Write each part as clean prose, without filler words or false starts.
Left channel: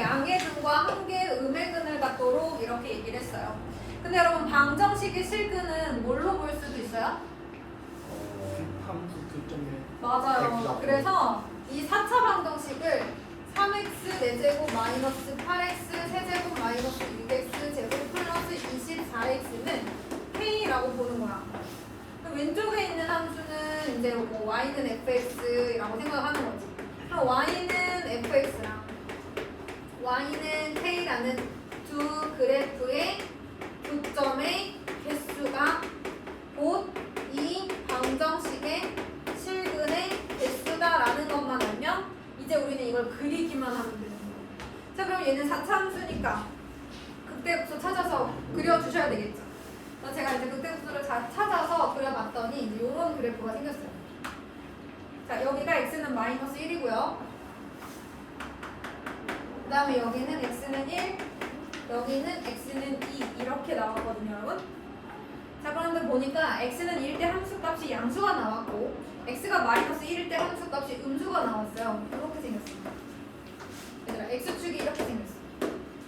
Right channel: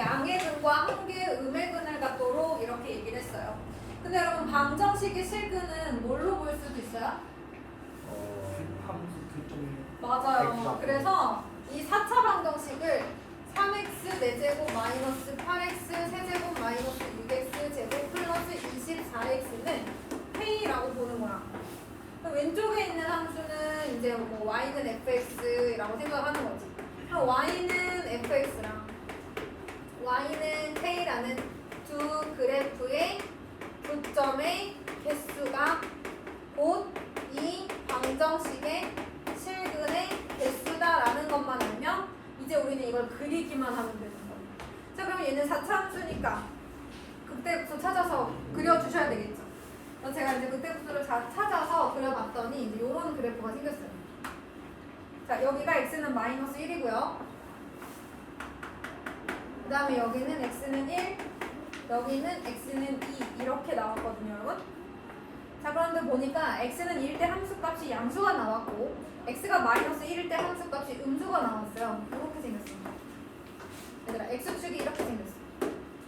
양의 근과 한 개의 음의 근을 갖도록 이렇게 얘기를 했어요. 근데 여러분 방정식의 실근은 뭘로 볼 수도 있어요? 함수 교점에 맞아요. 그래서 이 4차 방정식을 3x 4제곱 마이너스 8x 세제곱 마이너스 6x 제곱 플러스 24x는 k라고 보는 거야. 그럼 왼쪽에 있는 함수는 이제 뭐 y는 fx라고 생각하는 거지. 그럼 y는 fx랑 y는 k라는 두 그래프의 교점의 개수가 곧 이 방정식의 실근의 개수다라는 것만 알면 이제 우리는 이걸 그리기만 하면 되는 거예요. 자, 그럼 얘는 4차 함수니까 극대국수 찾아서 그려주셔야 되겠죠. 그래서 제가 이제 극대국수를 찾아서 그려봤더니 이제 이런 그래프가 생겼어요. 자, 여기가 x는 마이너스 1이고요. 그 다음에 여기는 x는 1, 여기는 x는 2 이렇게 나왔거든요, 여러분. 자, 그런데 보니까 x는 1일 때 함수값이 양수가 나왔고 x가 마이너스 1일 때 함수값이 음수가 나왔어요. 이렇게 생겼습니다. 얘들아, x축이 이렇게 생겼어요.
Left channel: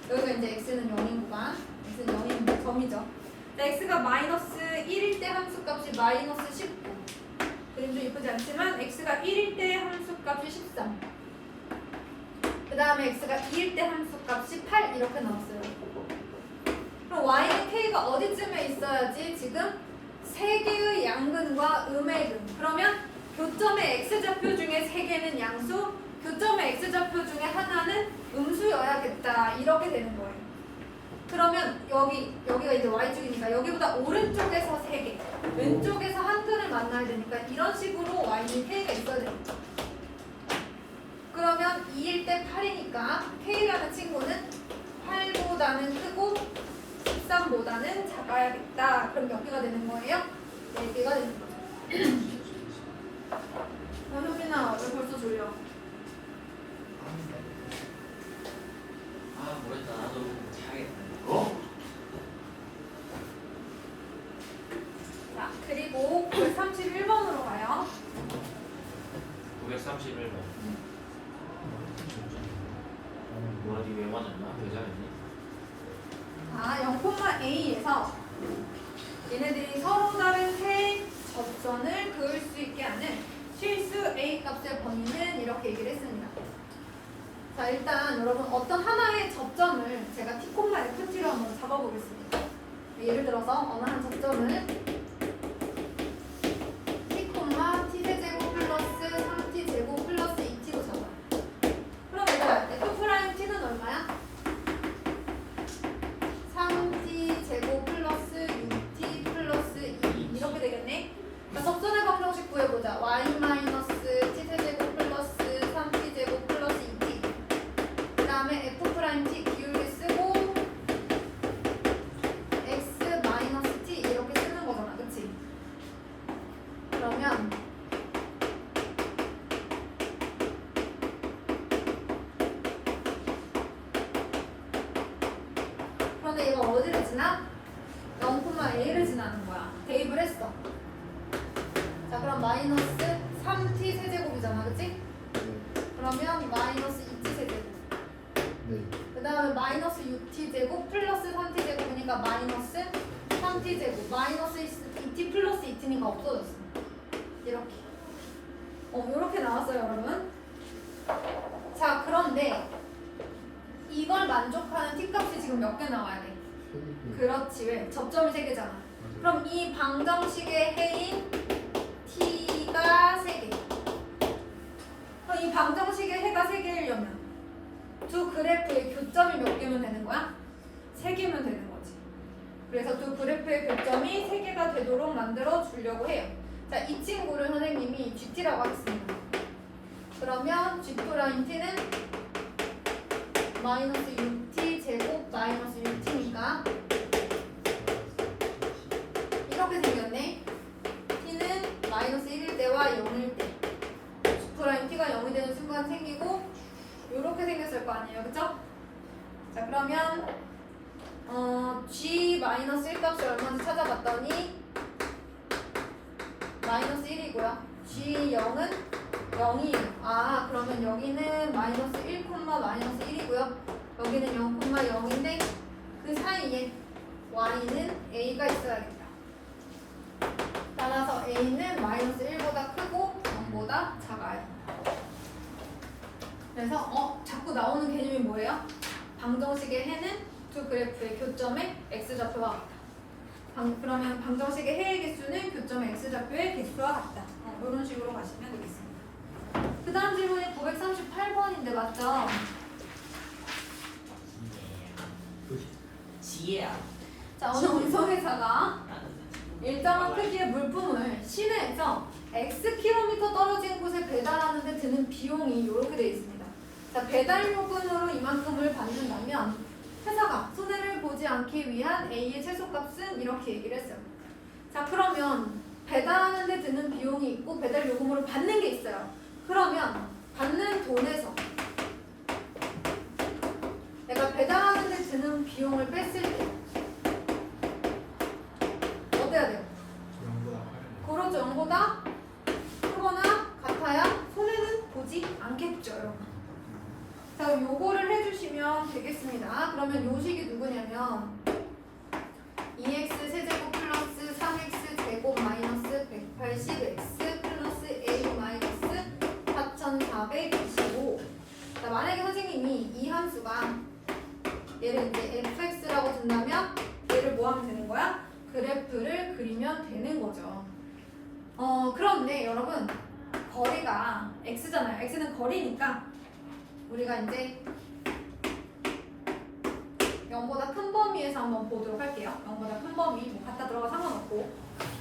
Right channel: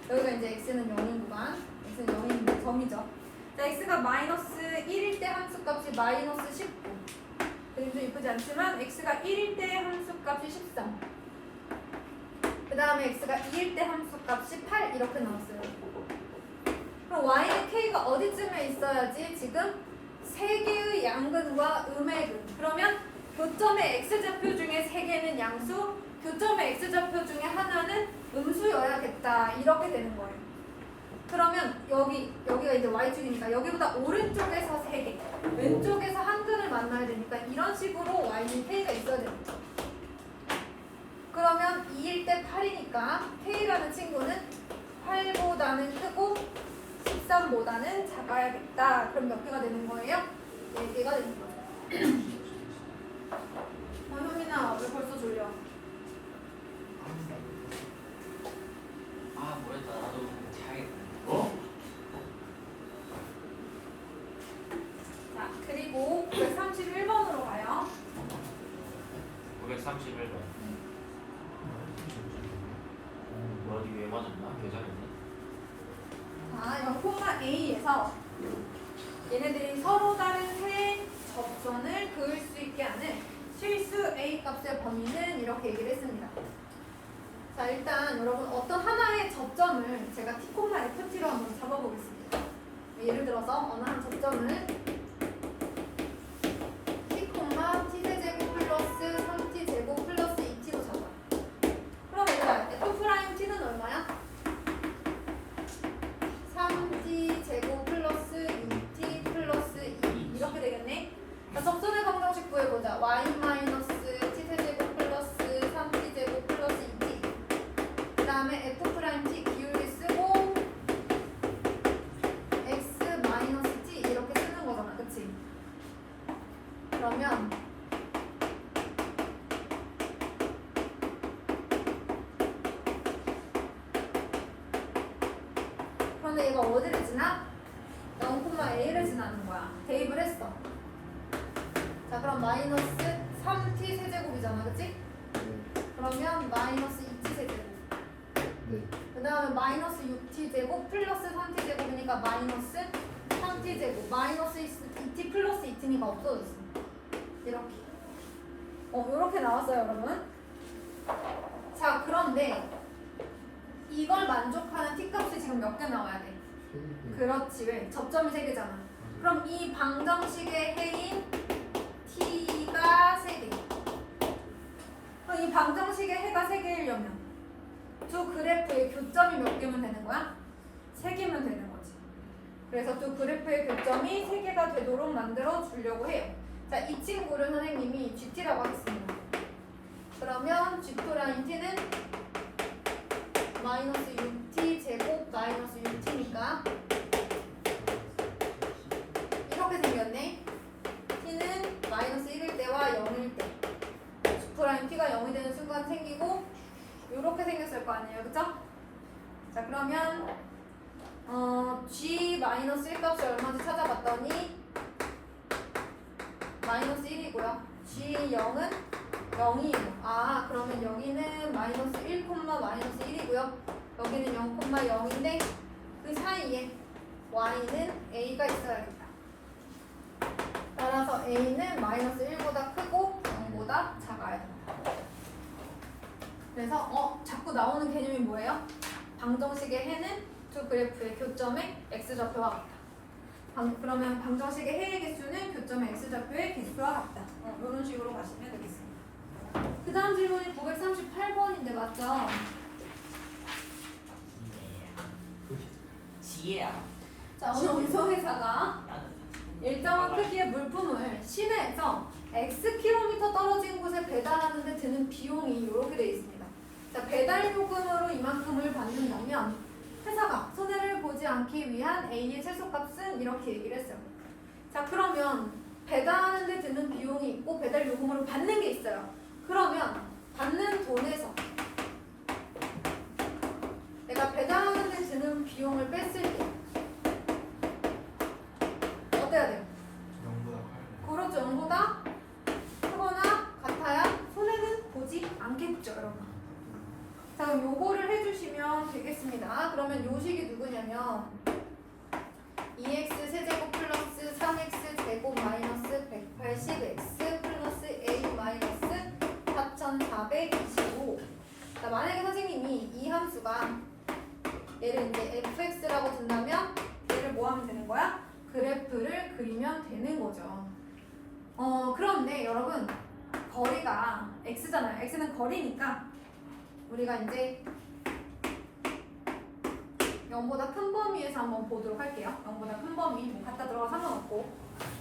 여기가 이제 x는 0인 구간, x는 0인 점이죠. 자, x가 마이너스 1일 때 함수값이 마이너스 19. 그림 좀 이쁘지 않지만 x가 1일 때 함수값이 13. 그 다음에 x가 2일 때 함수값이 8 이렇게 나왔어요. 그럼 y는 k가 어디쯤에 있어야지 지금 세 개의 양근과 음의 근. 그러면 교점의 x좌표 중에 세 개는 양수, 교점의 x좌표 중에 하나는 음수여야겠다. 이렇게 되는 거예요. 그러면 여기가 이제 y축이니까 여기보다 오른쪽에서 세 개, 왼쪽에서 한 근을 만나야 되니까 이런 식으로 y는 k가 있어야 됩니다. 그러면 2일 때 8이니까 k라는 친구는 8보다는 크고 13보다는 작아야겠다. 그럼 몇 개가 되는 거예요? 4개가 되는 거죠. 효민아, 왜 벌써 졸려? 아 모르겠다. 나도 자야겠다. 자, 그리고 931번으로 가요. 931번. 뭐 어디 왜 맞았나? 여자였니? 자, 0,a에서 얘네들이 서로 다른 세 접선을 그을 수 있게 하는 실수 a 값의 범위는 이렇게 얘기를 했습니다. 자, 일단 여러분 어떤 하나의 접점을 제가 t, ft로 한번 잡아보겠습니다. 예를 들어서 어느 한 접점을 t, t세제곱 플러스 3t제곱 플러스 2t로 잡아요. 그럼 얘들아, ft't는 얼마야? 3t제곱 플러스 6t 플러스 2 이렇게 되겠네. 자, 접선의 방정식 구해보자. y-t세제곱 플러스 3t제곱 플러스 2t. 그 다음에 f't 기울기 쓰고 x-t 이렇게 쓰는 거잖아, 그치? 그러면 그런데 얘가 어디를 지나? 0,a를 지나는 거야. 대입을 했어. 자, 그럼 마이너스 3t 세제곱이잖아, 그치? 그러면 마이너스 2t 세제곱. 그 다음에 마이너스 6t 제곱 플러스 3t 제곱이니까 마이너스 3t 제곱. 마이너스 2t 플러스 2t니까 없어졌어. 이렇게. 이렇게 나왔어요, 여러분. 자, 그런데 이걸 만족하는 t 값이 지금 몇 개 나와야 돼? 그렇지, 왜? 접점이 3개잖아. 그럼 이 방정식의 해인 t가 3개. 그럼 이 방정식의 해가 3개이려면 두 그래프의 교점이 몇 개면 되는 거야? 3개면 되는 거지. 그래서 두 그래프의 교점이 3개가 되도록 만들어 주려고 해요. 자, 이 친구를 선생님이 GT라고 하겠습니다. 그러면 G2라인 T는 마이너스 6T 제곱 마이너스 6T니까 이렇게 생겼네. T는 마이너스 1일 때와 0일 때 G2라인 T가 0이 되는 순간 생기고 이렇게 생겼을 거 아니에요, 그쵸? 자, 그러면 G 마이너스 1 값이 얼마인지 찾아봤더니 마이너스 1이고요. G0은 0이에요. 아, 그러면 여기는 마이너스 1, 마이너스 1이고요. y는 a가 있어야겠다. 따라서 a는 마이너스 1보다 크고 0보다 작아야 된다. 그래서 자꾸 나오는 개념이 뭐예요? 방정식의 해는 두 그래프의 교점의 x좌표와 같다. 그러면 방정식의 해의 개수는 교점의 x좌표의 개수와 같다. 이런 식으로 가시면 되겠습니다. 그 다음 질문이 938번인데 맞죠? 지혜야. 자, 어느 운송회사가 일정한 크기의 물품을 시내에서 Xkm 떨어진 곳에 배달하는데 드는 비용이 이렇게 되어 있습니다. 자, 배달 요금으로 이만큼을 받는다면 회사가 손해를 보지 않기 위한 A의 최소값은 이렇게 얘기를 했어요. 자, 그러면 배달하는데 드는 비용이 있고 배달 요금으로 받는 게 있어요. 그러면 받는 돈에서 내가 배달하는데 드는 비용을 뺐을 때 어때야 돼요? 0보다 그렇죠. 0보다 크거나 같아야 손해는 보지 않겠죠, 여러분. 자, 그럼 요거를 해주시면 되겠습니다. 그러면 요식이 누구냐면 2x 세제곱 플러스 3x 제곱 마이너스 180x 플러스 a 마이너스 4425. 자, 만약에 선생님이 이 함수가 얘를 이제 fx라고 둔다면 얘를 뭐 하면 되는 거야? 그래프를 그리면 되는 거죠. 그런데 여러분 거리가 x잖아요. x는 거리니까 우리가 이제 0보다 큰 범위에서 한번 보도록 할게요. 0보다 큰 범위 뭐 갖다 들어가 상관없고.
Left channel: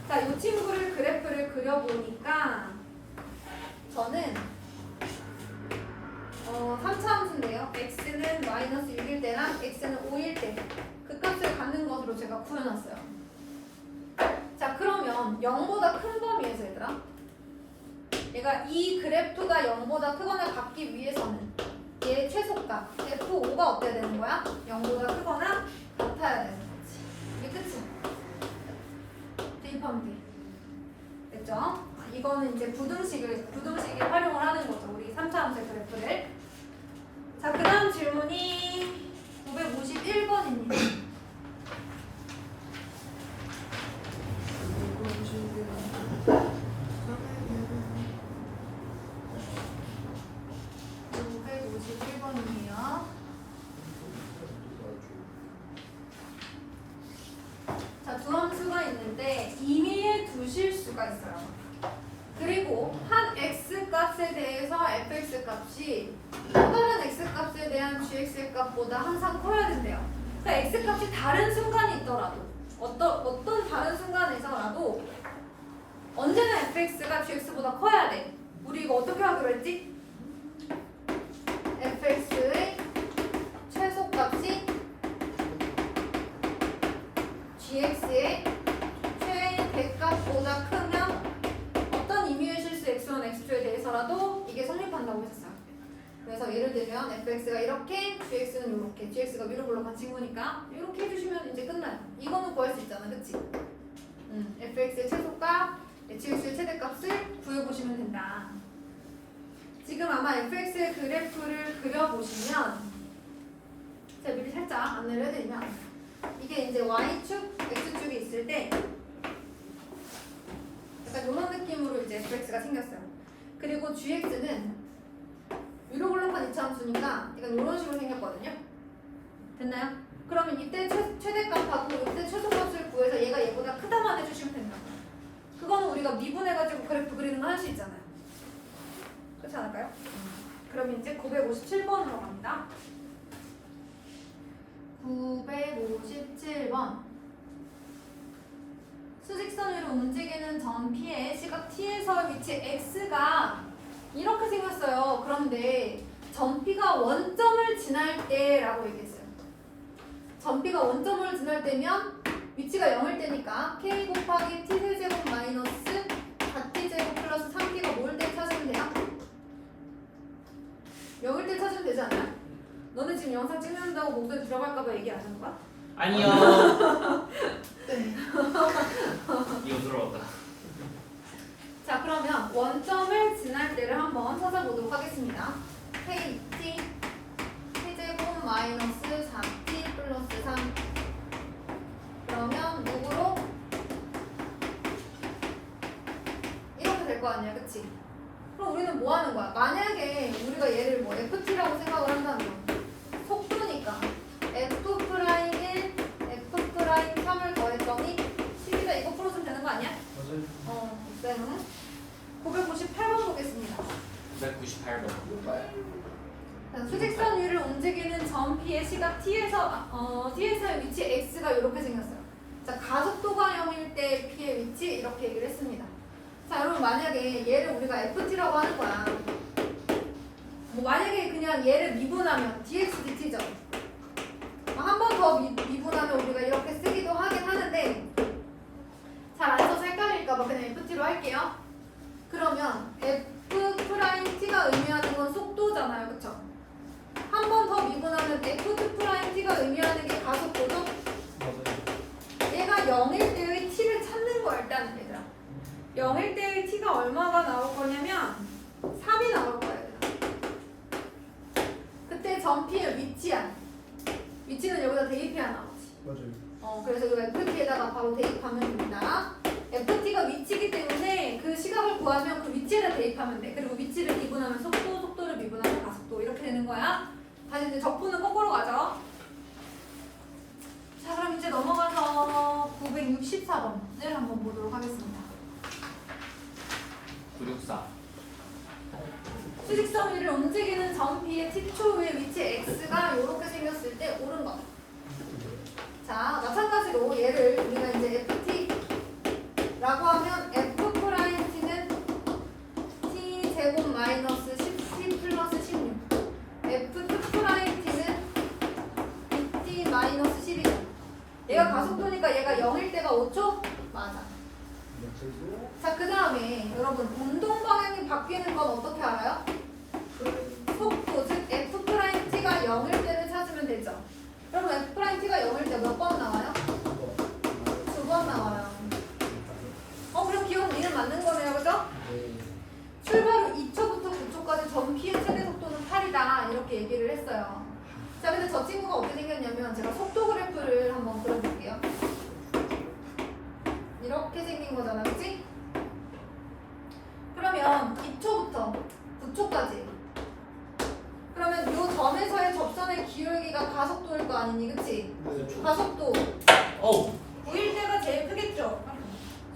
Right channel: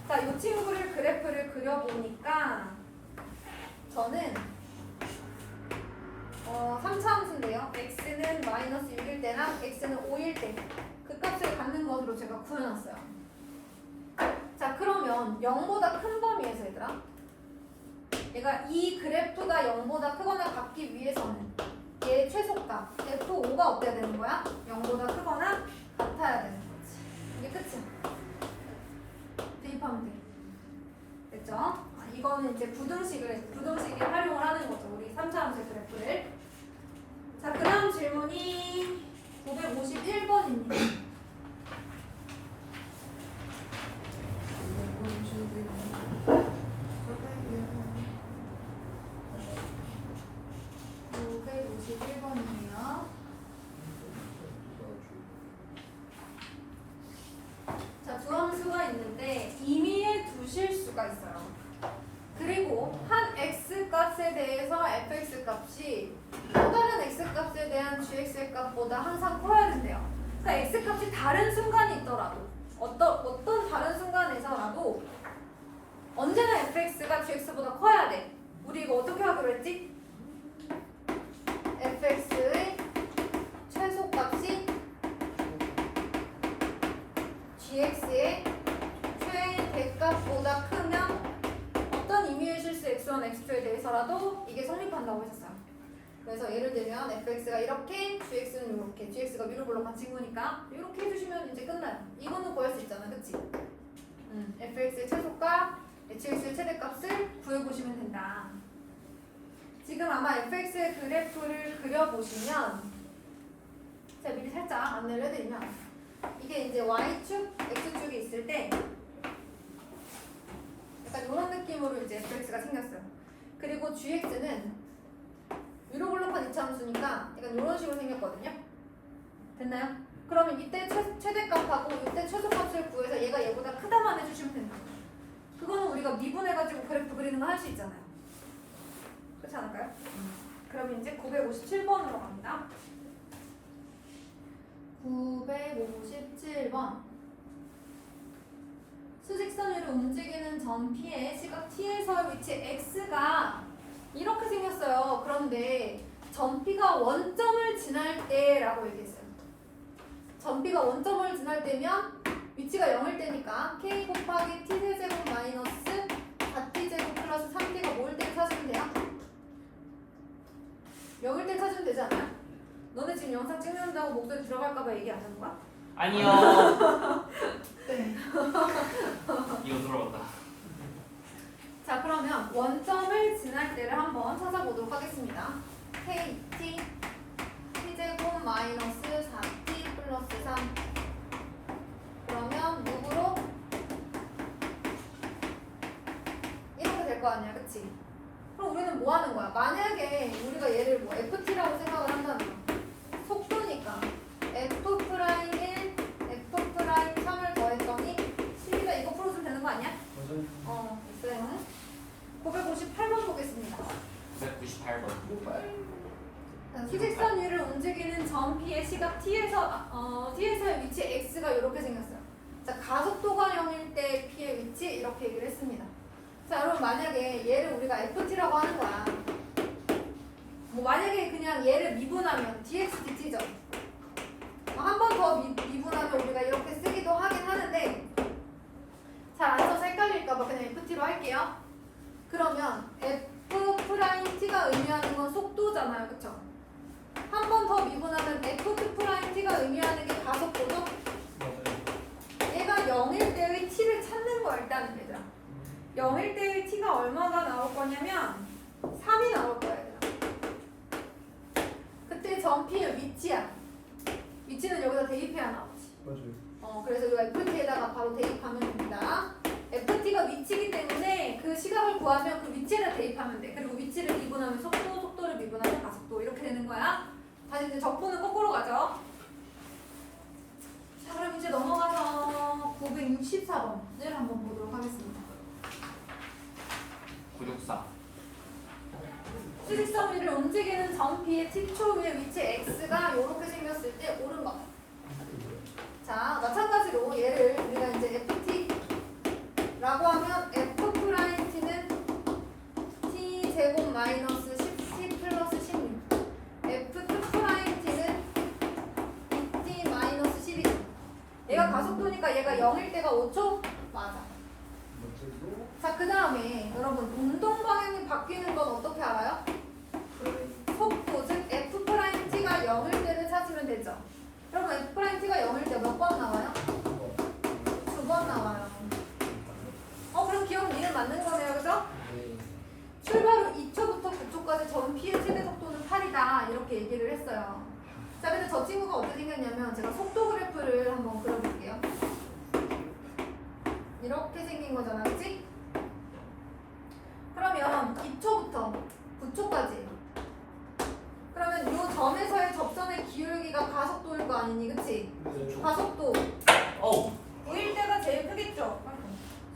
자, 이 친구를 그래프를 그려보니까 저는 3차 함수인데요. x는 마이너스 6일 때랑 x는 5일 때 그 값을 갖는 것으로 제가 구해놨어요. 자, 그러면 0보다 큰 범위에서 얘들아 얘가 이 그래프가 0보다 크거나 같기 위해서는 얘 최소값 f5가 어때야 되는 거야? 0보다 크거나 같아야 되는 거지. 이게 끝이야. 대입하면 돼. 됐죠? 이거는 이제 부등식을 활용을 하는 거죠. 우리 3차 함수의 그래프를. 자, 그 다음 질문이 951번입니다. 자, 두 함수가 있는데 임의의 두 실수가 있어요. 그리고 한 x값에 대해서 fx 값이 또 다른 x값에 대한 gx 값보다 항상 커야 된대요. 그러니까 x값이 다른 순간이 있더라도 어떤 다른 순간에서라도 언제나 fx가 gx보다 커야 돼. 우리 이거 어떻게 하기로 했지? fx의 최소값이 gx의 최대값보다 크면 어떤 임의의 실수 x1, x2에 대해서라도 이게 성립한다고 했었어요. 그래서 예를 들면 fx가 이렇게, gx는 이렇게, gx가 위로 올라간 친구니까 이렇게 해주시면 이제 끝나요. 이거는 구할 수 있잖아, 그치? fx의 최소값, gx의 최대값을 구해보시면 된다. 지금 아마 fx의 그래프를 그려보시면 제가 미리 살짝 안내를 해드리면 이게 이제 y축, x축이 있을 때 약간 이런 느낌으로 이제 fx가 생겼어요. 그리고 gx는 위로 블록한 2차 함수니까 약간 이런 식으로 생겼거든요. 됐나요? 그러면 이때 최대값하고 이때 최소값을 구해서 얘가 얘보다 크다만 해주시면 된다. 그거는 우리가 미분해가지고 그래프 그리는 거 할 수 있잖아요. 그렇지 않을까요? 그럼 이제 957번으로 갑니다. 957번. 수직선 위로 움직이는 점 P의 시각 T에서의 위치 X가 이렇게 생겼어요. 그런데 점 P가 원점을 지날 때라고 얘기했어요. 점 P가 원점을 지날 때면 위치가 0일 때니까 K 곱하기 T세제곱 마이너스 4T제곱 플러스 3T가 뭐일 때 찾으면 돼요? 0일 때 찾으면 되지 않아요? 너네 지금 영상 찍는다고 목소리 들어갈까봐 얘기 안 하는 거야? 아니요. 이거 들어봤다. 자, 그러면 원점을 지날 때를 한번 찾아보도록 하겠습니다. KT T제곱 마이너스 4T 플러스 3 아니야, 그치? 그럼 우리는 뭐 하는 거야? 만약에 우리가 얘를 뭐 ft라고 생각을 한다면 속도니까 f 프라임 1, f 프라임 3을 더했더니 10이다 이거 풀어주면 되는 거 아니야? 맞아요. 네. 958번 보겠습니다. 198번. 수직선 위를 움직이는 점 P의 시각 T에서의 위치 X가 이렇게 생겼어요. 자, 가속도가 0일 때 P의 위치 이렇게 얘기를 했습니다. 자, 여러분 만약에 얘를 우리가 FT라고 하는 거야. 뭐 만약에 그냥 얘를 미분하면 dx dt죠. 한 번 더 미분하면 우리가 이렇게 쓰기도 하긴 하는데 잘 안 써서 헷갈릴까봐 그냥 FT로 할게요. 그러면 F 프라임 T가 의미하는 건 속도잖아요, 그쵸? 한 번 더 미분하면 F2 프라임 T가 의미하는 게 가속도죠? 맞아요. 얘가 0일 때의 T를 찾는 거야, 일단 얘들아. 0일 때의 T가 얼마가 나올 거냐면 3이 나올 거야, 얘들아. 그때 점피의 위치야. 위치는 여기다 대입해야 나오지. 맞아요. 그래서 이거 FT에다가 바로 대입하면 됩니다. FT가 위치이기 때문에 그 시각을 구하면 그 위치에다 대입하면 돼. 그리고 위치를 미분하면 속도, 속도를 미분하면 가속도 이렇게 되는 거야. 다시 이제 적분은 거꾸로 가죠. 자, 그럼 이제 넘어가서 964번을 한번 보도록 하겠습니다. 964. 수직선 위를 움직이는 점 P의 T초의 위치 X가 이렇게 생겼을 때 옳은 것. 자, 마찬가지로 얘를 우리가 이제 FT라고 하면 F 프라임 T는 T 제곱 마이너스 10T 플러스 16. F2 프라임 T는 2T 마이너스 12죠. 얘가 가속도니까 얘가 0일 때가 5초? 맞아. 맞아요. 자, 그 다음에 여러분 운동 방향이 바뀌는 건 어떻게 알아요? 속도, 즉 F 프라임 T가 0일 때를 찾으면 되죠. 그러면 F 프라임 T가 0일 때 몇 번 나와요? 2번 나와요. 그럼 기억 니는 맞는 거네요, 그죠? 네. 출발 후 2초부터 9초까지 전 P의 최대 속도는 8이다 이렇게 얘기를 했어요. 자, 근데 저 친구가 어떻게 생겼냐면 제가 속도 그래프를 한번 그려볼게요. 이렇게 생긴 거잖아, 그치? 그러면 2초부터 9초까지 그러면 이 점에서의 접선의 기울기가 가속도일 거 아니니, 그치? 네. 가속도 어우. 9일 때가 제일 크겠죠?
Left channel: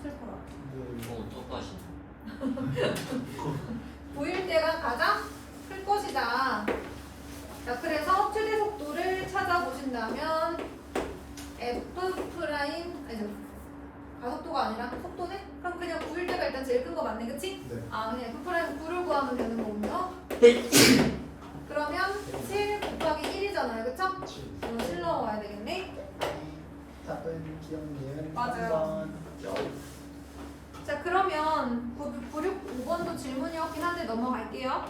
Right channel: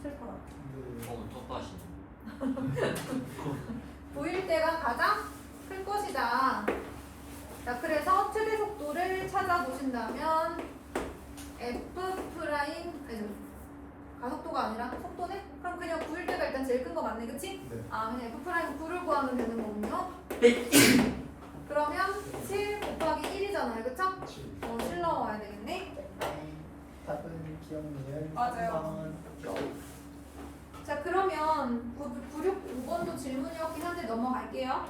슬퍼라. 네. 똑같이. 9일 때가 가장 클 것이다. 자, 그래서 최대 속도를 찾아보신다면 F 프라임 아니 가속도가 아니라 속도네? 그럼 그냥 9일 때가 일단 제일 큰 거 맞네, 그치? 네. 그냥 F 프라임 9를 구하면 되는 거군요. 그러면 7 곱하기 1이잖아요, 그쵸? 7 넣어야 되겠네. 답은 기억니을 맞아요. 자, 그러면 965번도 질문이 없긴 한데 넘어갈게요.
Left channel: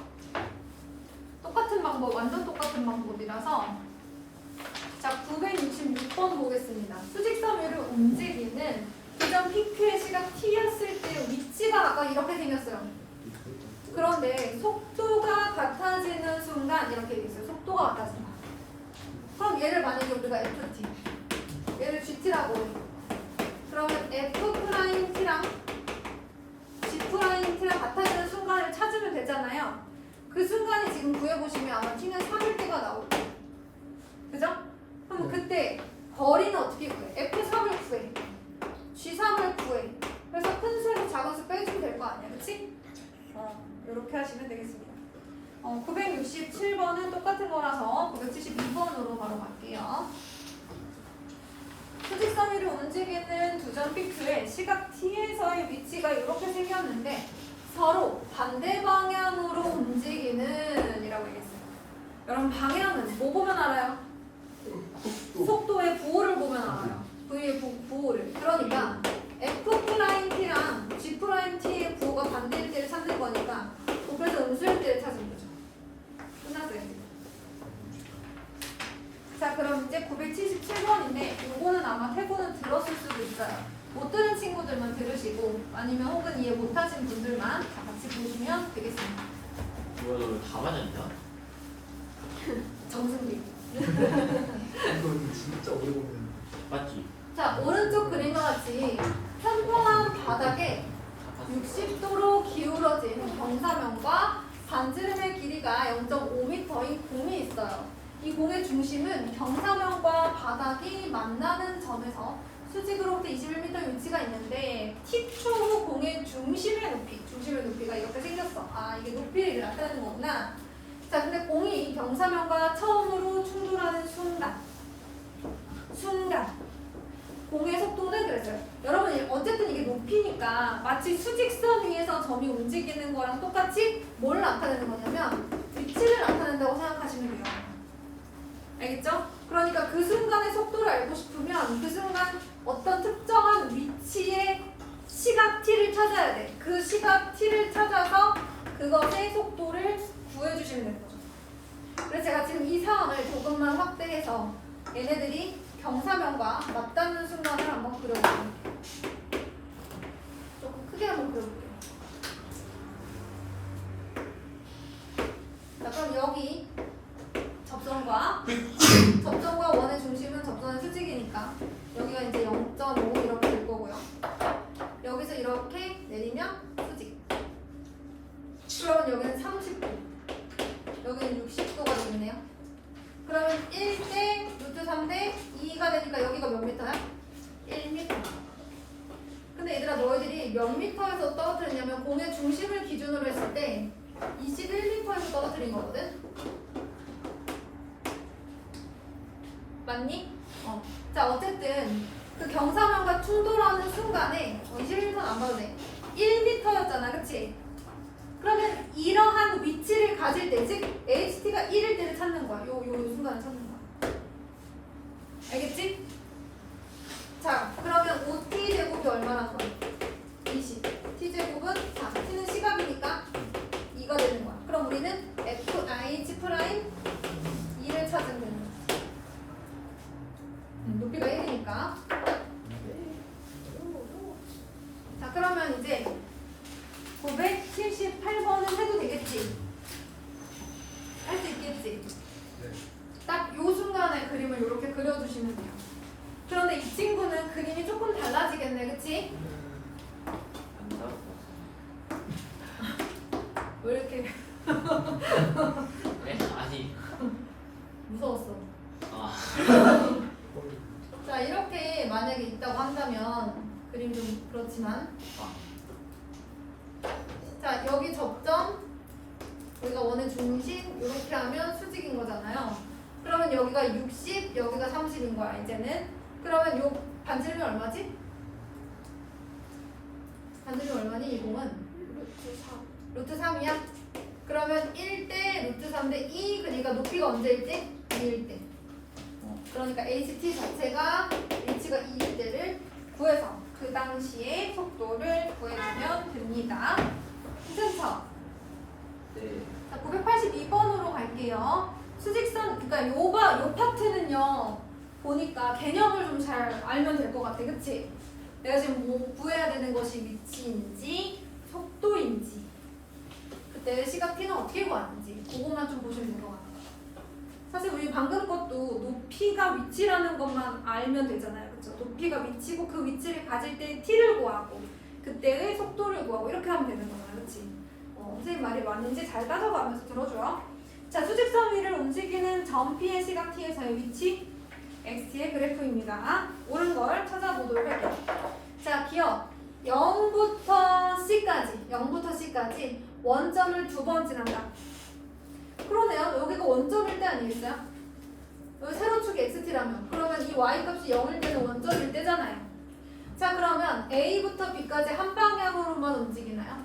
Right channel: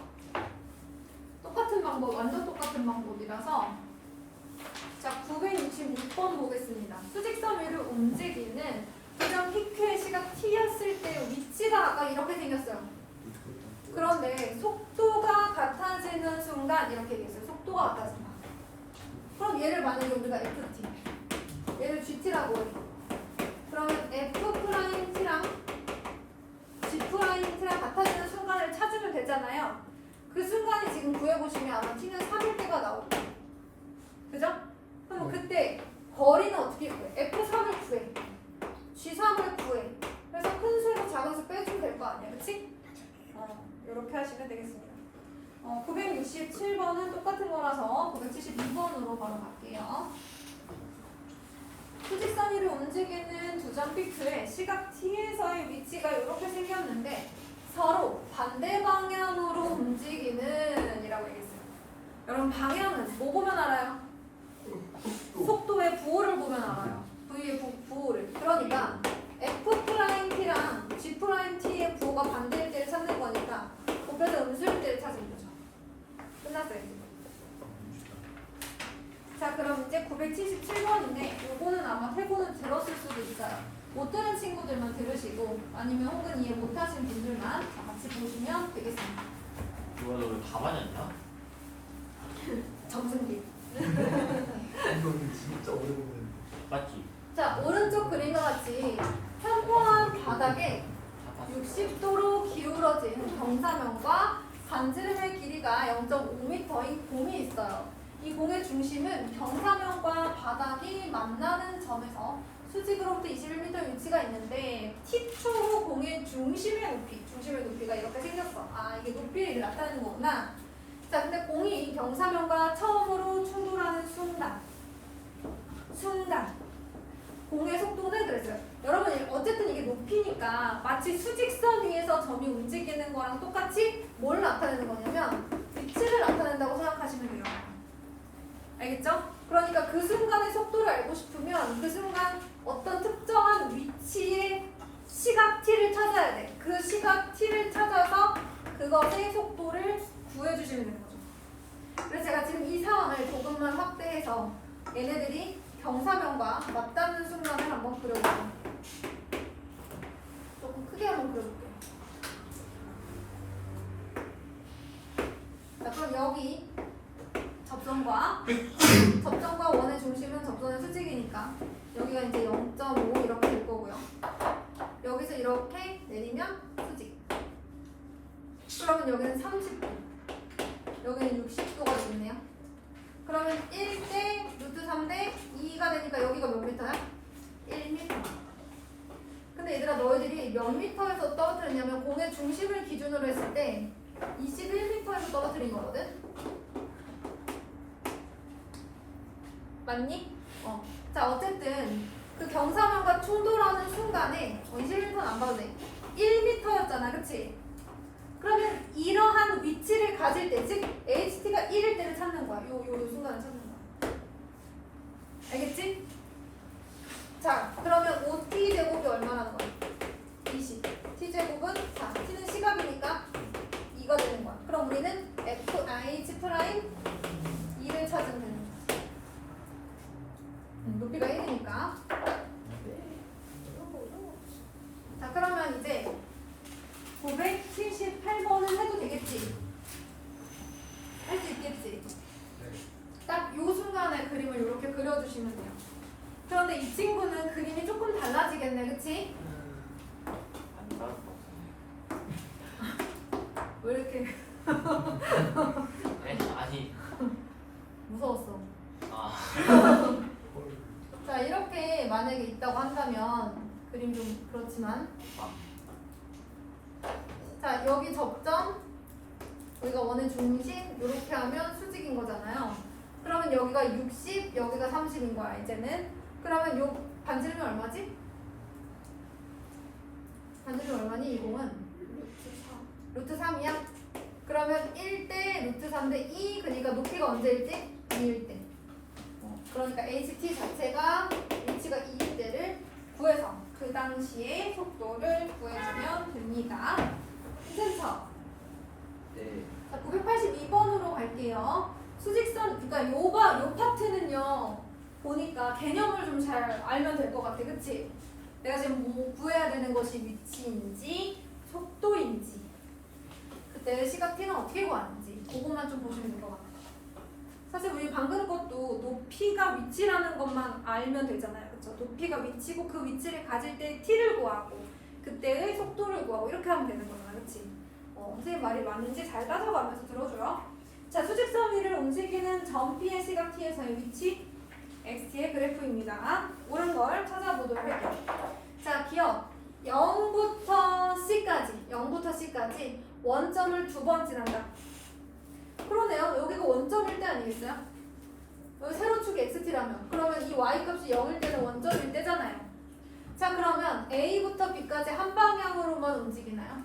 똑같은 방법, 완전 똑같은 방법이라서. 자, 966번 보겠습니다. 수직선 위를 움직이는 교점 PQ의 시각 T였을 때 위치가 아까 이렇게 생겼어요. 그런데 속도가 같아지는 순간 이렇게 되겠어요. 속도가 같아진다. 그럼 얘를 만약에 우리가 FT, 얘를 GT라고 해. 그러면 F 프라임 T랑 G 프라임 T랑 같아지는 순간을 찾으면 되잖아요. 그 순간이 지금 구해보시면 아마 T는 3일 때가 나올 거예요. 그죠? 그럼 그때 거리는 어떻게 구해? F3을 구해. G3을 구해. 그래서 큰 수로 작은 수 빼주면 될 거 아니야. 그치? 이렇게 하시면 되겠습니다. 967번은 똑같은 거라서 972번으로 바로 갈게요. 수직선 위를 움직이는 두 점 P2의 시각 T에서의 위치가 이렇게 생겼는데 서로 반대 방향으로 움직이는 이라고 얘기했어요. 여러분 방향은 뭐 보면 알아요? 속도의 부호를 보면 알아요. V의 부호를. 그러니까 F 프라임 T랑 G 프라임 T의 부호가 반대일 때를 찾는 거니까 곱해서 음수일 때를 찾으면 되죠. 끝났어요. 자, 그럼 이제 977번인데 요거는 아마 태고는 들었을 수도 있어요. 못 들은 친구들만 들으시고 아니면 혹은 이해 못하신 분들만 다 같이 보시면 되겠습니다. 이거 다 맞았냐? 정승기. 이건 진짜 오래 보면 맞지? 자, 오른쪽 그림과 같이 평평한 바닥에 60도로 기울어진 경사면과 반지름의 길이가 0.5m인 공이 있어요. 이 공의 중심은 경사면과 바닥이 만나는 점에서 수직으로부터 21m 위치가 있는데 T초 후 공의 중심의 높이가 이렇게 생겼어. 아, 이게 높이를 나타내는 거구나. 자, 근데 공이 이 경사면과 처음으로 충돌하는 순간 공의 속도는 그랬어요. 여러분, 어쨌든 이게 높이니까 마치 수직선 위에서 점이 움직이는 거랑 똑같이 뭘 나타내는 거냐면 위치를 나타낸다고 생각하시면 돼요. 알겠죠? 그러니까 그 순간의 속도를 알고 싶으면 그 순간 어떤 특정한 위치의 시각 t를 찾아야 돼. 그 시각 t를 찾아서 그것의 속도를 구해주시면 되는 거죠. 그래서 제가 지금 이 상황을 조금만 확대해서 얘네들이 경사면과 맞닿는 순간을 한번 그려볼게요. 조금 크게 한번 그려볼게요. 자, 그럼 여기 접선과 원의 중심은 접선의 수직이니까 여기가 이제 0.5 이렇게 될 거고요. 여기서 이렇게 내리면 수직. 그러면 여기는 30도, 여기는 60도가 되겠네요. 그러면 1대 루트 3대 2가 되니까 여기가 몇 미터야? 1m. 근데 얘들아, 너희들이 몇 미터에서 떨어뜨렸냐면 공의 중심을 기준으로 했을 때 21m에서 떨어뜨린 거거든? 맞니? 자, 어쨌든 그 경사면과 충돌하는 순간에 21m는 안 봐도 돼. 1m였잖아, 그치? 그러면 이러한 위치를 가질 때, 즉 HT가 1일 때를 찾는 거야. 요 순간을 찾는 거야. 알겠지? 자, 그러면 OT 제곱이 얼마라는 거야? 20. T 제곱은 4. T는 시각이니까 2가 되는 거야. 그럼 우리는 FH 프라임 2를 찾으면 되는 거야. 높이가 1이니까. 자, 그러면 이제 978번은 해도 되겠지? 할 수 있겠지? 딱 요 순간에 그림을 이렇게 그려주시면 돼요. 그런데 이 친구는 그림이 조금 달라지겠네, 그치? 왜 이렇게 네? 아니. 무서웠어? 아. 자, 이렇게 만약에 있다고 한다면 그림 좀 그렇지만, 자, 여기 접점, 여기가 원의 중심, 이렇게 하면 수직인 거잖아요. 그러면 여기가 60, 여기가 30인 거야, 이제는. 그러면 요 반지름이 얼마지? 반지름이 얼마니, 이 공은? 루트 3이야? 그러면 1대 루트 3대 2, 그러니까 높이가 언제일지? 2일 때. 그러니까 HT 자체가 H가 2일 때를 구해서 그 당시의 속도를 구해주면 됩니다. 센터. 네. 자, 982번으로 갈게요. 수직선, 그러니까 요 파트는요, 보니까 개념을 좀 잘 알면 될 것 같아, 그치? 내가 지금 뭐 구해야 되는 것이 위치인지 속도인지 그때 시각 t는 어떻게 구하는지 그것만 좀 보시면 될 것 같아요. 사실 우리 방금 것도 높이가 위치라는 것만 알면 되잖아요, 그쵸? 높이가 위치고 그 위치를 가질 때 t를 구하고 그때의 속도를 구하고 이렇게 하면 되는 거잖아, 그치? 선생님 말이 맞는지 잘 따져가면서 들어줘요. 자, 수직선 위를 움직이는 점 P의 시각 t에서의 위치 XT의 그래프입니다. 옳은 걸 찾아보도록 할게요. 자, 기억 0부터 C까지 원점을 두 번 지난다. 그러네요. 여기가 원점일 때 아니겠어요? 여기 세로축이 XT라면 그러면 이 Y값이 0일 때는 원점일 때잖아요. 자, 그러면 A부터 B까지 한 방향으로만 움직이나요?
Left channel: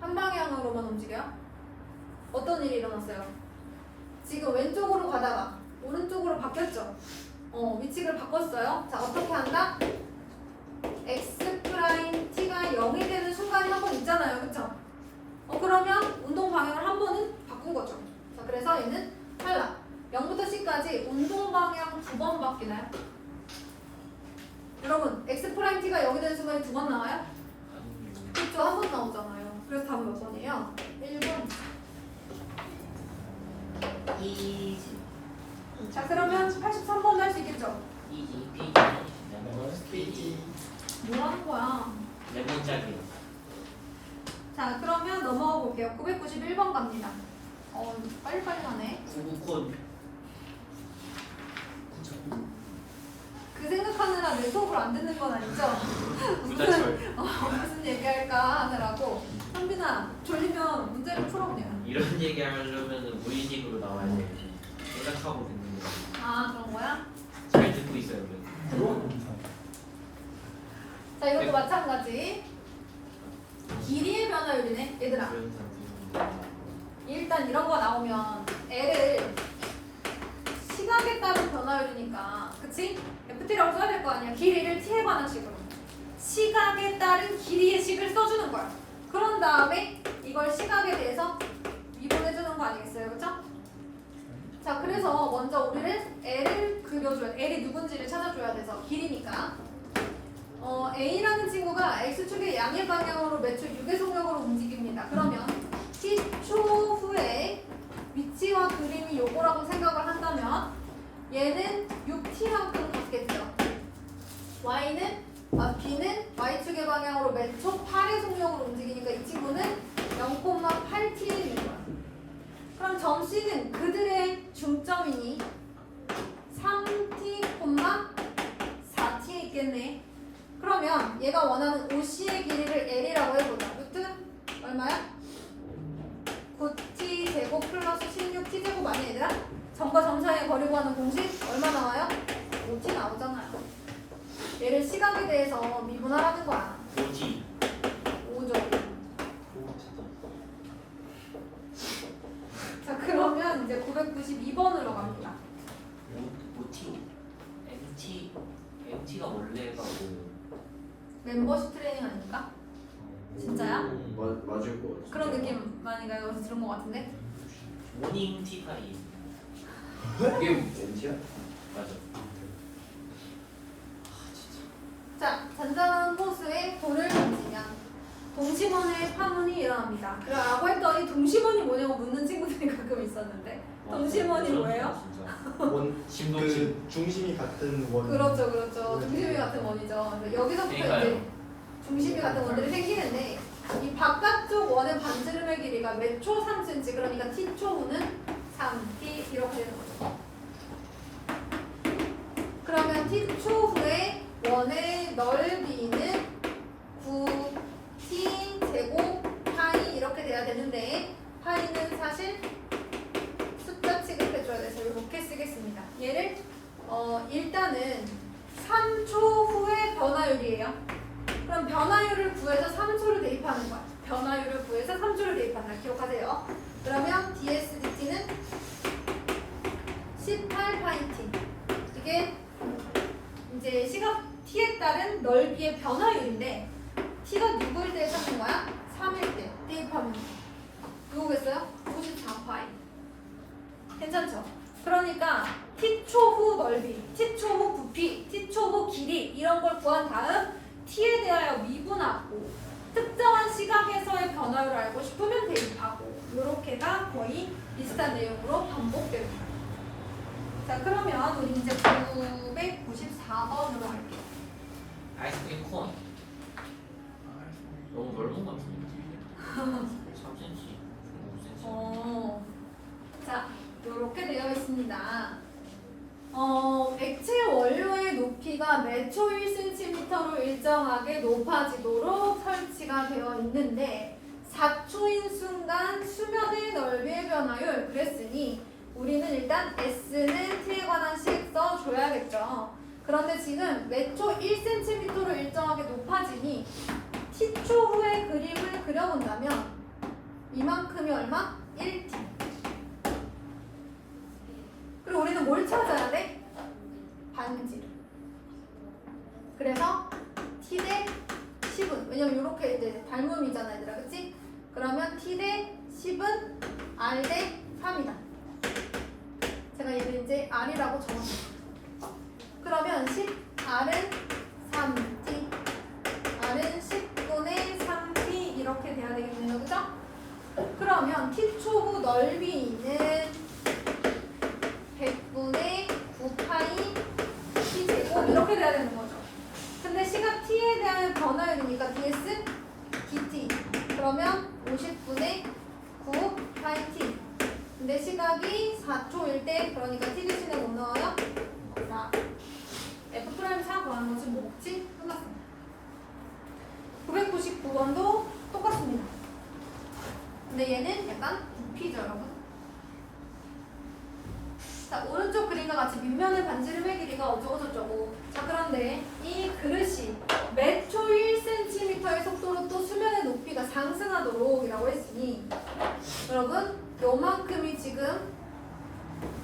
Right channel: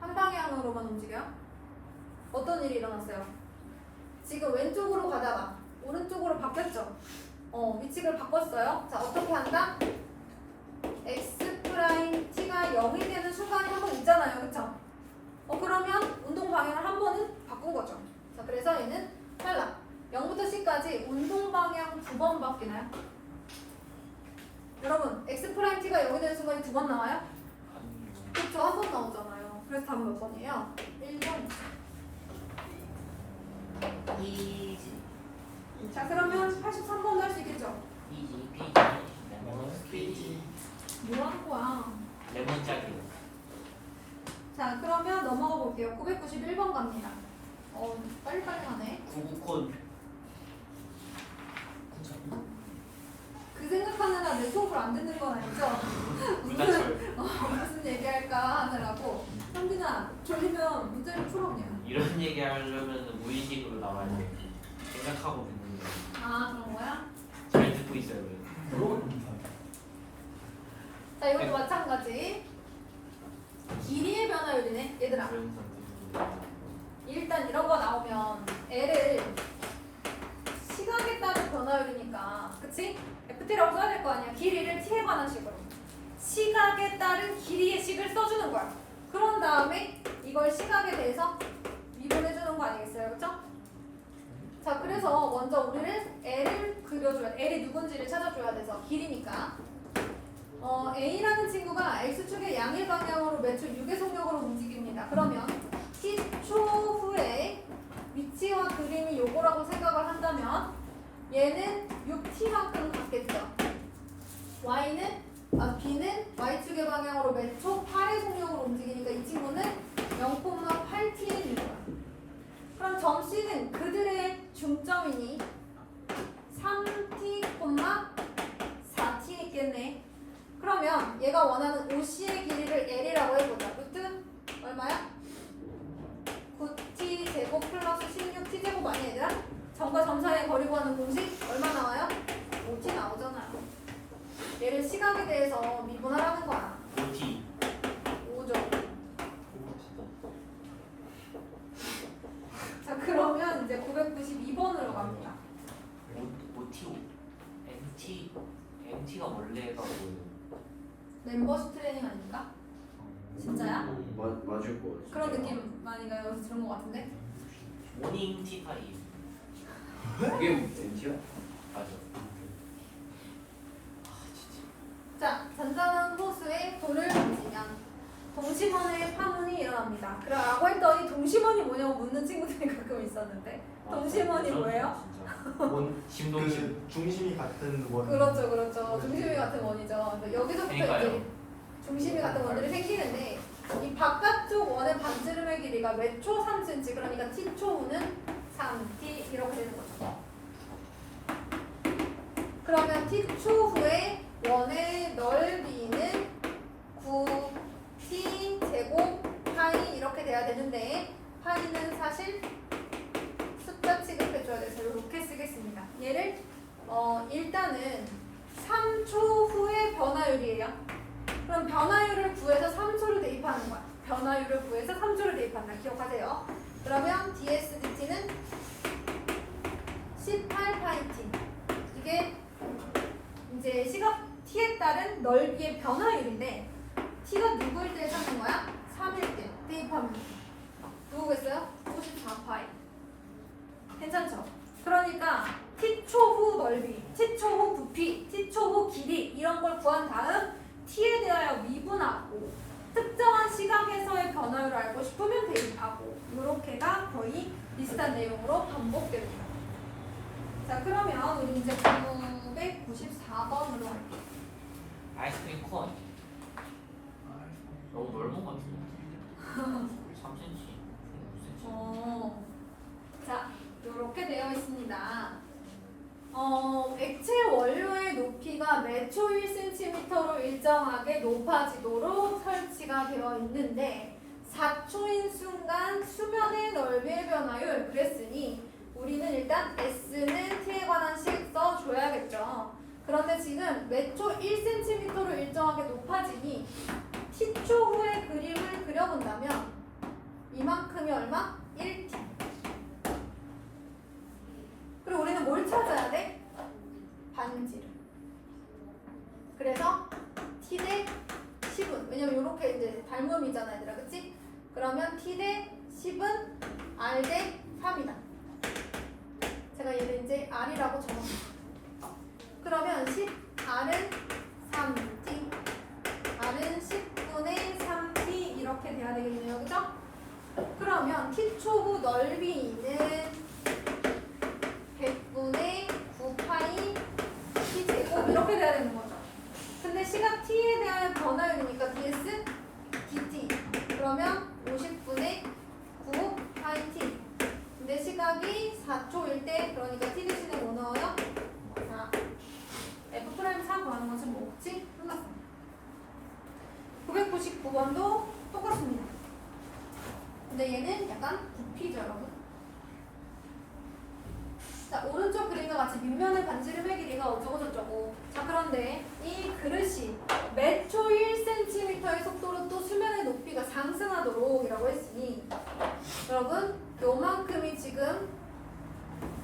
한 방향으로만 움직여요? 어떤 일이 일어났어요? 지금 왼쪽으로 가다가 오른쪽으로 바뀌었죠? 위치를 바꿨어요. 자, 어떻게 한다? X 프라임 T가 0이 되는 순간이 한 번 있잖아요, 그쵸? 그러면 운동 방향을 한 번은 바꾼 거죠. 자, 그래서 얘는 탈락. 0부터 C까지 운동 방향 두 번 바뀌나요? 여러분, X 프라임 T가 0이 되는 순간이 두 번 나와요? 그렇죠, 한 번 나오잖아요. 그래서 답은 몇 번이에요? 1번. 이지. 자, 그러면 83번도 할 수 있겠죠? 이지. 스피디. 뭐라는 거야? 레몬짝이요. 자, 그러면 넘어가 볼게요. 991번 갑니다. 빨리빨리 하네. 구구콘. 그 생각하느라 내 수업을 안 듣는 건 아니죠? 무슨 얘기할까 하느라고. 현빈아, 졸리면 문제를 풀어 그냥. 이런 얘기 하려면 무의식으로 나와야 돼. 생각하고 듣는 거. 아, 그런 거야? 잘 듣고 있어요. 그래도. 자, 이것도 마찬가지. 길이의 변화율이네, 얘들아. 일단 이런 거 나오면 L을 시각에 따른 변화율이니까, 그치? FT라고 써야 될 거 아니야. 길이를 T에 관한 식으로. 시각에 따른 길이의 식을 써주는 거야. 그런 다음에 이걸 시각에 대해서 미분해주는 거 아니겠어요? 그쵸? 자, 그래서 먼저 우리는 L을 그려줘야 돼. L이 누군지를 찾아줘야 돼서 길이니까. A라는 친구가 X축의 양의 방향으로 매초 6의 속력으로 움직입니다. 그러면 T초 후에 위치와 그림이 요거라고 생각을 한다면 얘는 6T만큼 같겠죠. B는 Y축의 방향으로 매초 8의 속력으로 움직이니까 이 친구는 0,8T인 거야. 그럼 점 C는 그들의 중점이니 3T, 4T 있겠네. 그러면 얘가 원하는 OC의 길이를 L이라고 해보자. 루트 얼마야? 9t 제곱 플러스 16t 제곱 아니야 얘들아? 점과 점 사이의 거리 구하는 공식 얼마 나와요? 5t 나오잖아요. 얘를 시각에 대해서 미분하라는 거야. 5T. 5죠. 자, 그러면 이제 992번으로 갑니다. 5T. MT가 원래가 뭐예요? 멤버십 트레이닝 아닙니까? 진짜야? 맞을 것 같아. 그런 느낌 많이 여기서 들은 것 같은데? 모닝 티파이. 그게 MT야? 맞아. 자, 잔잔한 호수에 돌을 던지면 동심원의 파문이 일어납니다. 라고 했더니 동심원이 뭐냐고 묻는 친구들이 가끔 있었는데 동심원이 뭐예요? 심도치. 그 중심이 같은 원. 그렇죠, 그렇죠. 중심이 같은 원이죠. 그래서 여기서부터 이제 그러니까요. 중심이 같은 원들이 생기는데 이 바깥쪽 원의 반지름의 길이가 몇 초 3cm 그러니까 t초 후는 3t 이렇게 되는 거죠. 그러면 t초 후에 원의 넓이는 9t 제곱 파이 이렇게 돼야 되는데 파이는 사실 숫자 취급해줘야 돼서 이렇게 쓰겠습니다. 얘를 일단은 3초 후의 변화율이에요. 그럼 변화율을 구해서 3초를 대입하는 거야. 변화율을 구해서 3초를 대입한다. 기억하세요. 그러면 dsdt는 18파이t. 이게 이제 시각 t에 따른 넓이의 변화율인데 t가 누구일 때 찾는 거야? 3일 때 대입하면 누구겠어요? 94파이. 괜찮죠? 그러니까 t초 후 넓이, t초 후 부피, t초 후 길이 이런 걸 구한 다음 t에 대하여 미분하고 특정한 시각에서의 변화율을 알고 싶으면 대입하고 이렇게가 거의 비슷한 내용으로 반복됩니다. 자, 그러면 우리 이제 994번으로 할게요. 아이스크림 콘. 너무 넓은 것 같은데. 3cm. 5cm. 자, 이렇게 되어 있습니다. 액체 원료의 높이가 매초 1cm로 일정하게 높아지도록 설치가 되어 있는데 4초인 순간 수면의 넓이의 변화율 그랬으니 우리는 일단 S는 T에 관한 식 써줘야겠죠. 그런데 지금 매초 1cm로 일정하게 높아지니 T초 후에 그림을 그려본다면 이만큼이 얼마? 1T. 그리고 우리는 뭘 찾아야 돼? 반지름. 그래서 T 대 10은 왜냐면 이렇게 이제 닮음이잖아 얘들아, 그치? 그러면 T 대 10은 R 대 3이다. 제가 얘를 이제 R이라고 적었어요. 그러면 10R은 3T, R은 10분의 3T 이렇게 돼야 되겠네요, 그죠? 그러면 T초 후 넓이는 100분의 9파이 T제곱 이렇게 돼야 되는 거죠. 변화율이니까 ds dt. 그러면 50분의 9 파이 t. 근데 시각이 4초일 때 그러니까 t 대신에 뭐 넣어요? 자, f'4 구하는 것은 뭐지? 끝났어. 999번도 똑같습니다. 근데 얘는 약간 부피죠, 여러분. 자, 오른쪽 그림과 같이 밑면을 반지름의 길이가 어쩌고저쩌고. 자, 그런데 이 그릇이 매초 1cm의 속도로 또 수면의 높이가 상승하도록 이라고 했으니 여러분, 요만큼이 지금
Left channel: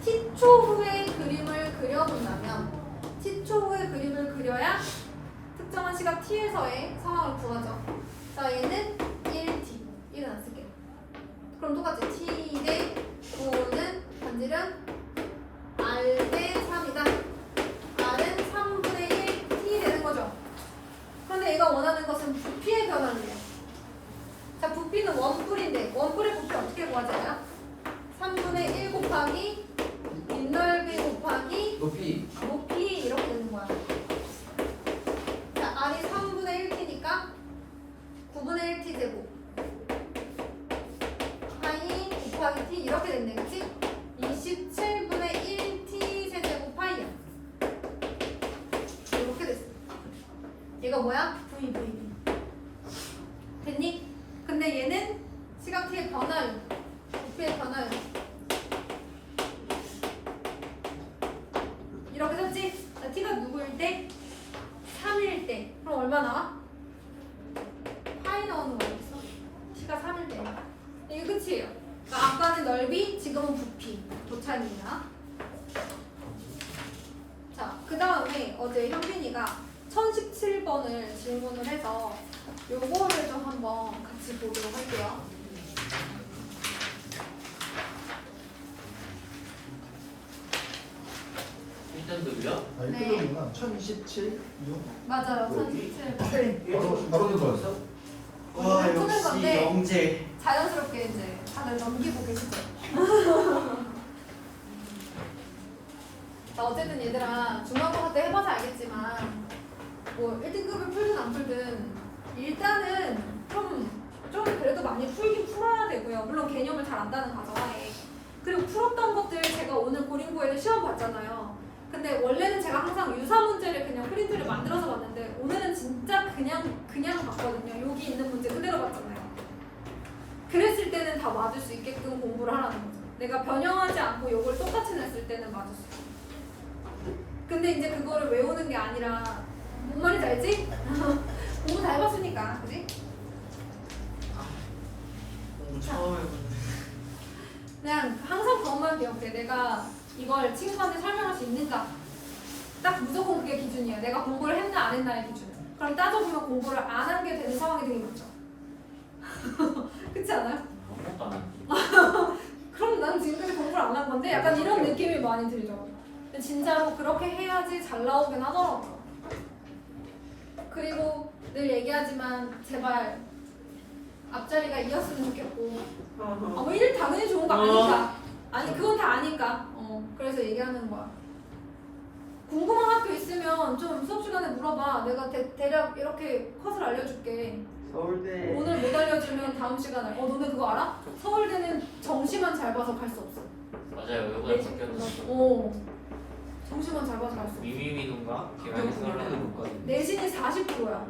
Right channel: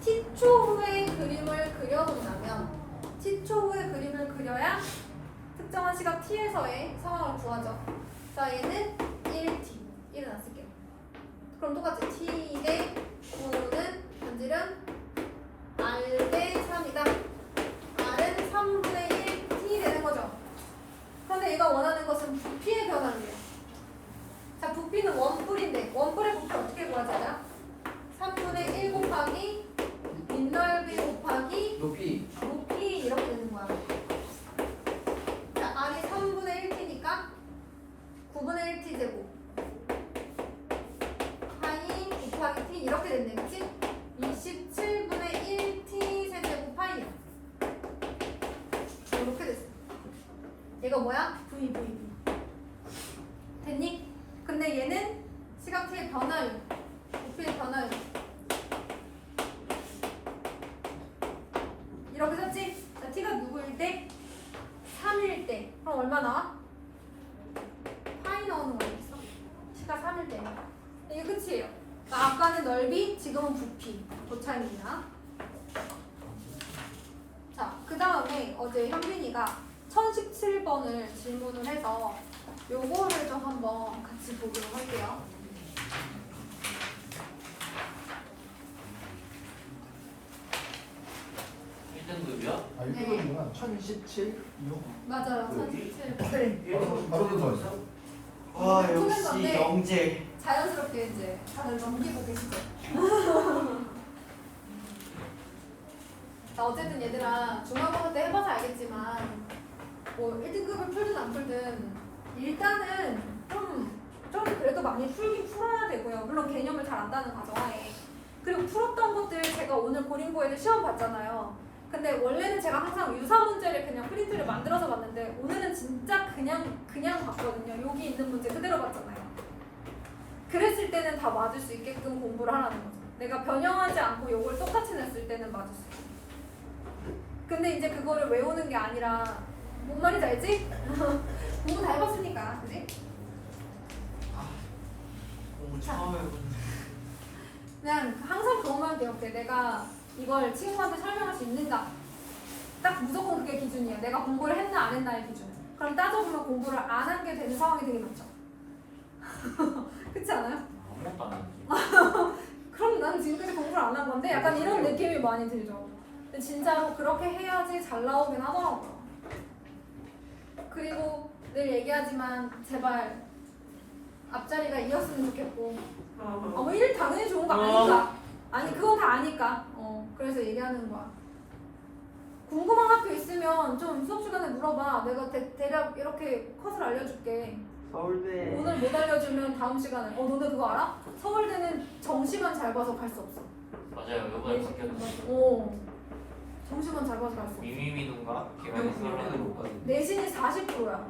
t초 후에 그림을 그려본다면 t초 후에 그림을 그려야 특정한 시각 t에서의 상황을 구하죠. 자, 얘는 1t. 1은 안 쓸게요. 그럼 똑같이 t 대 9는 반지름 r 대 3이다. r은 3분의 1t 되는 거죠. 그런데 얘가 원하는 것은 부피의 변화입니다. 자, 부피는 원뿔인데 원뿔의 부피 어떻게 구하잖아요? 3분의 1 곱하기 윗넓이 곱하기 높이. 높이 이렇게 되는 거야. 자, r이 3분의 1t니까 9분의 1t 제곱 파이 곱하기 t 이렇게 됐네, 그치? 27분의 1t 세제곱 파이야. 이렇게 됐어. 얘가 뭐야? v. 됐니? 근데 얘는 시각 t의 변화율, 부피의 변화율. 이렇게 썼지? 자, t가 누구일 때? 3일 때. 그럼 얼마 나와? 파이 나오는 거였어. t가 3일 때. 이게 끝이에요. 그러니까 아까는 넓이, 지금은 부피. 도차입니다. 자, 그 다음에 어제 현빈이가 1017번을 질문을 해서 요거를 좀 한번 같이 보도록 할게요. 일등급이요? 아, 네. 1등급이구나. 1017. 맞아요. 여기? 1017. 바로 들어왔어? 와 푸는 역시 건데. 영재. 자연스럽게 이제 다들 넘기고 계시죠? 자, 어쨌든 얘들아 중간고사 때 해봐서 알겠지만 뭐 1등급을 풀든 안 풀든 일단은 좀 그래도 많이 풀긴 풀어야 되고요. 물론 개념을 잘 안다는 가정하에. 그리고 풀었던 것들 제가 오늘 고린고에도 시험 봤잖아요. 근데 원래는 제가 항상 유사 문제를 그냥 프린트를 만들어서 봤는데 오늘은 진짜 그냥 봤거든요. 여기 있는 문제 그대로 봤잖아요. 그랬을 때는 다 맞을 수 있게끔 공부를 하라는 거죠. 내가 변형하지 않고 요걸 똑같이 냈을 때는 맞을 수 있어요. 근데 이제 그거를 외우는 게 아니라 뭔 말인지 알지? 공부 다 해봤으니까, 그지? 처음 해보는. 그냥 항상 그것만 기억해. 내가 이걸 친구한테 설명할 수 있는가? 딱 무조건 그게 기준이에요. 내가 공부를 했나 안 했나의 기준. 그럼 따져보면 공부를 안 한 게 되는 상황이 되게 많죠. 그렇지 않아요? 아무것도 안 했지. 그럼 난 지금까지 공부를 안 한 건데 약간 이런 느낌이 많이 들죠. 근데 진짜로 그렇게 해야지 잘 나오긴 하더라고요. 그리고 늘 얘기하지만 제발 앞자리가 이었으면 좋겠고 뭐 1 당연히 좋은 거 아니까 아니 그건 다 아니까 그래서 얘기하는 거야. 궁금한 학교 있으면 좀 수업 시간에 물어봐. 내가 대략 이렇게 컷을 알려줄게. 서울대. 오늘 못 알려주면 다음 시간에 너네 그거 알아? 서울대는 정시만 잘 봐서 갈 수 없어. 맞아요. 이번에 바뀌었어. 정시만 잘 봐서 갈 수 없어. 미미미동가 개명승하는 것까지. 내신이 40%야.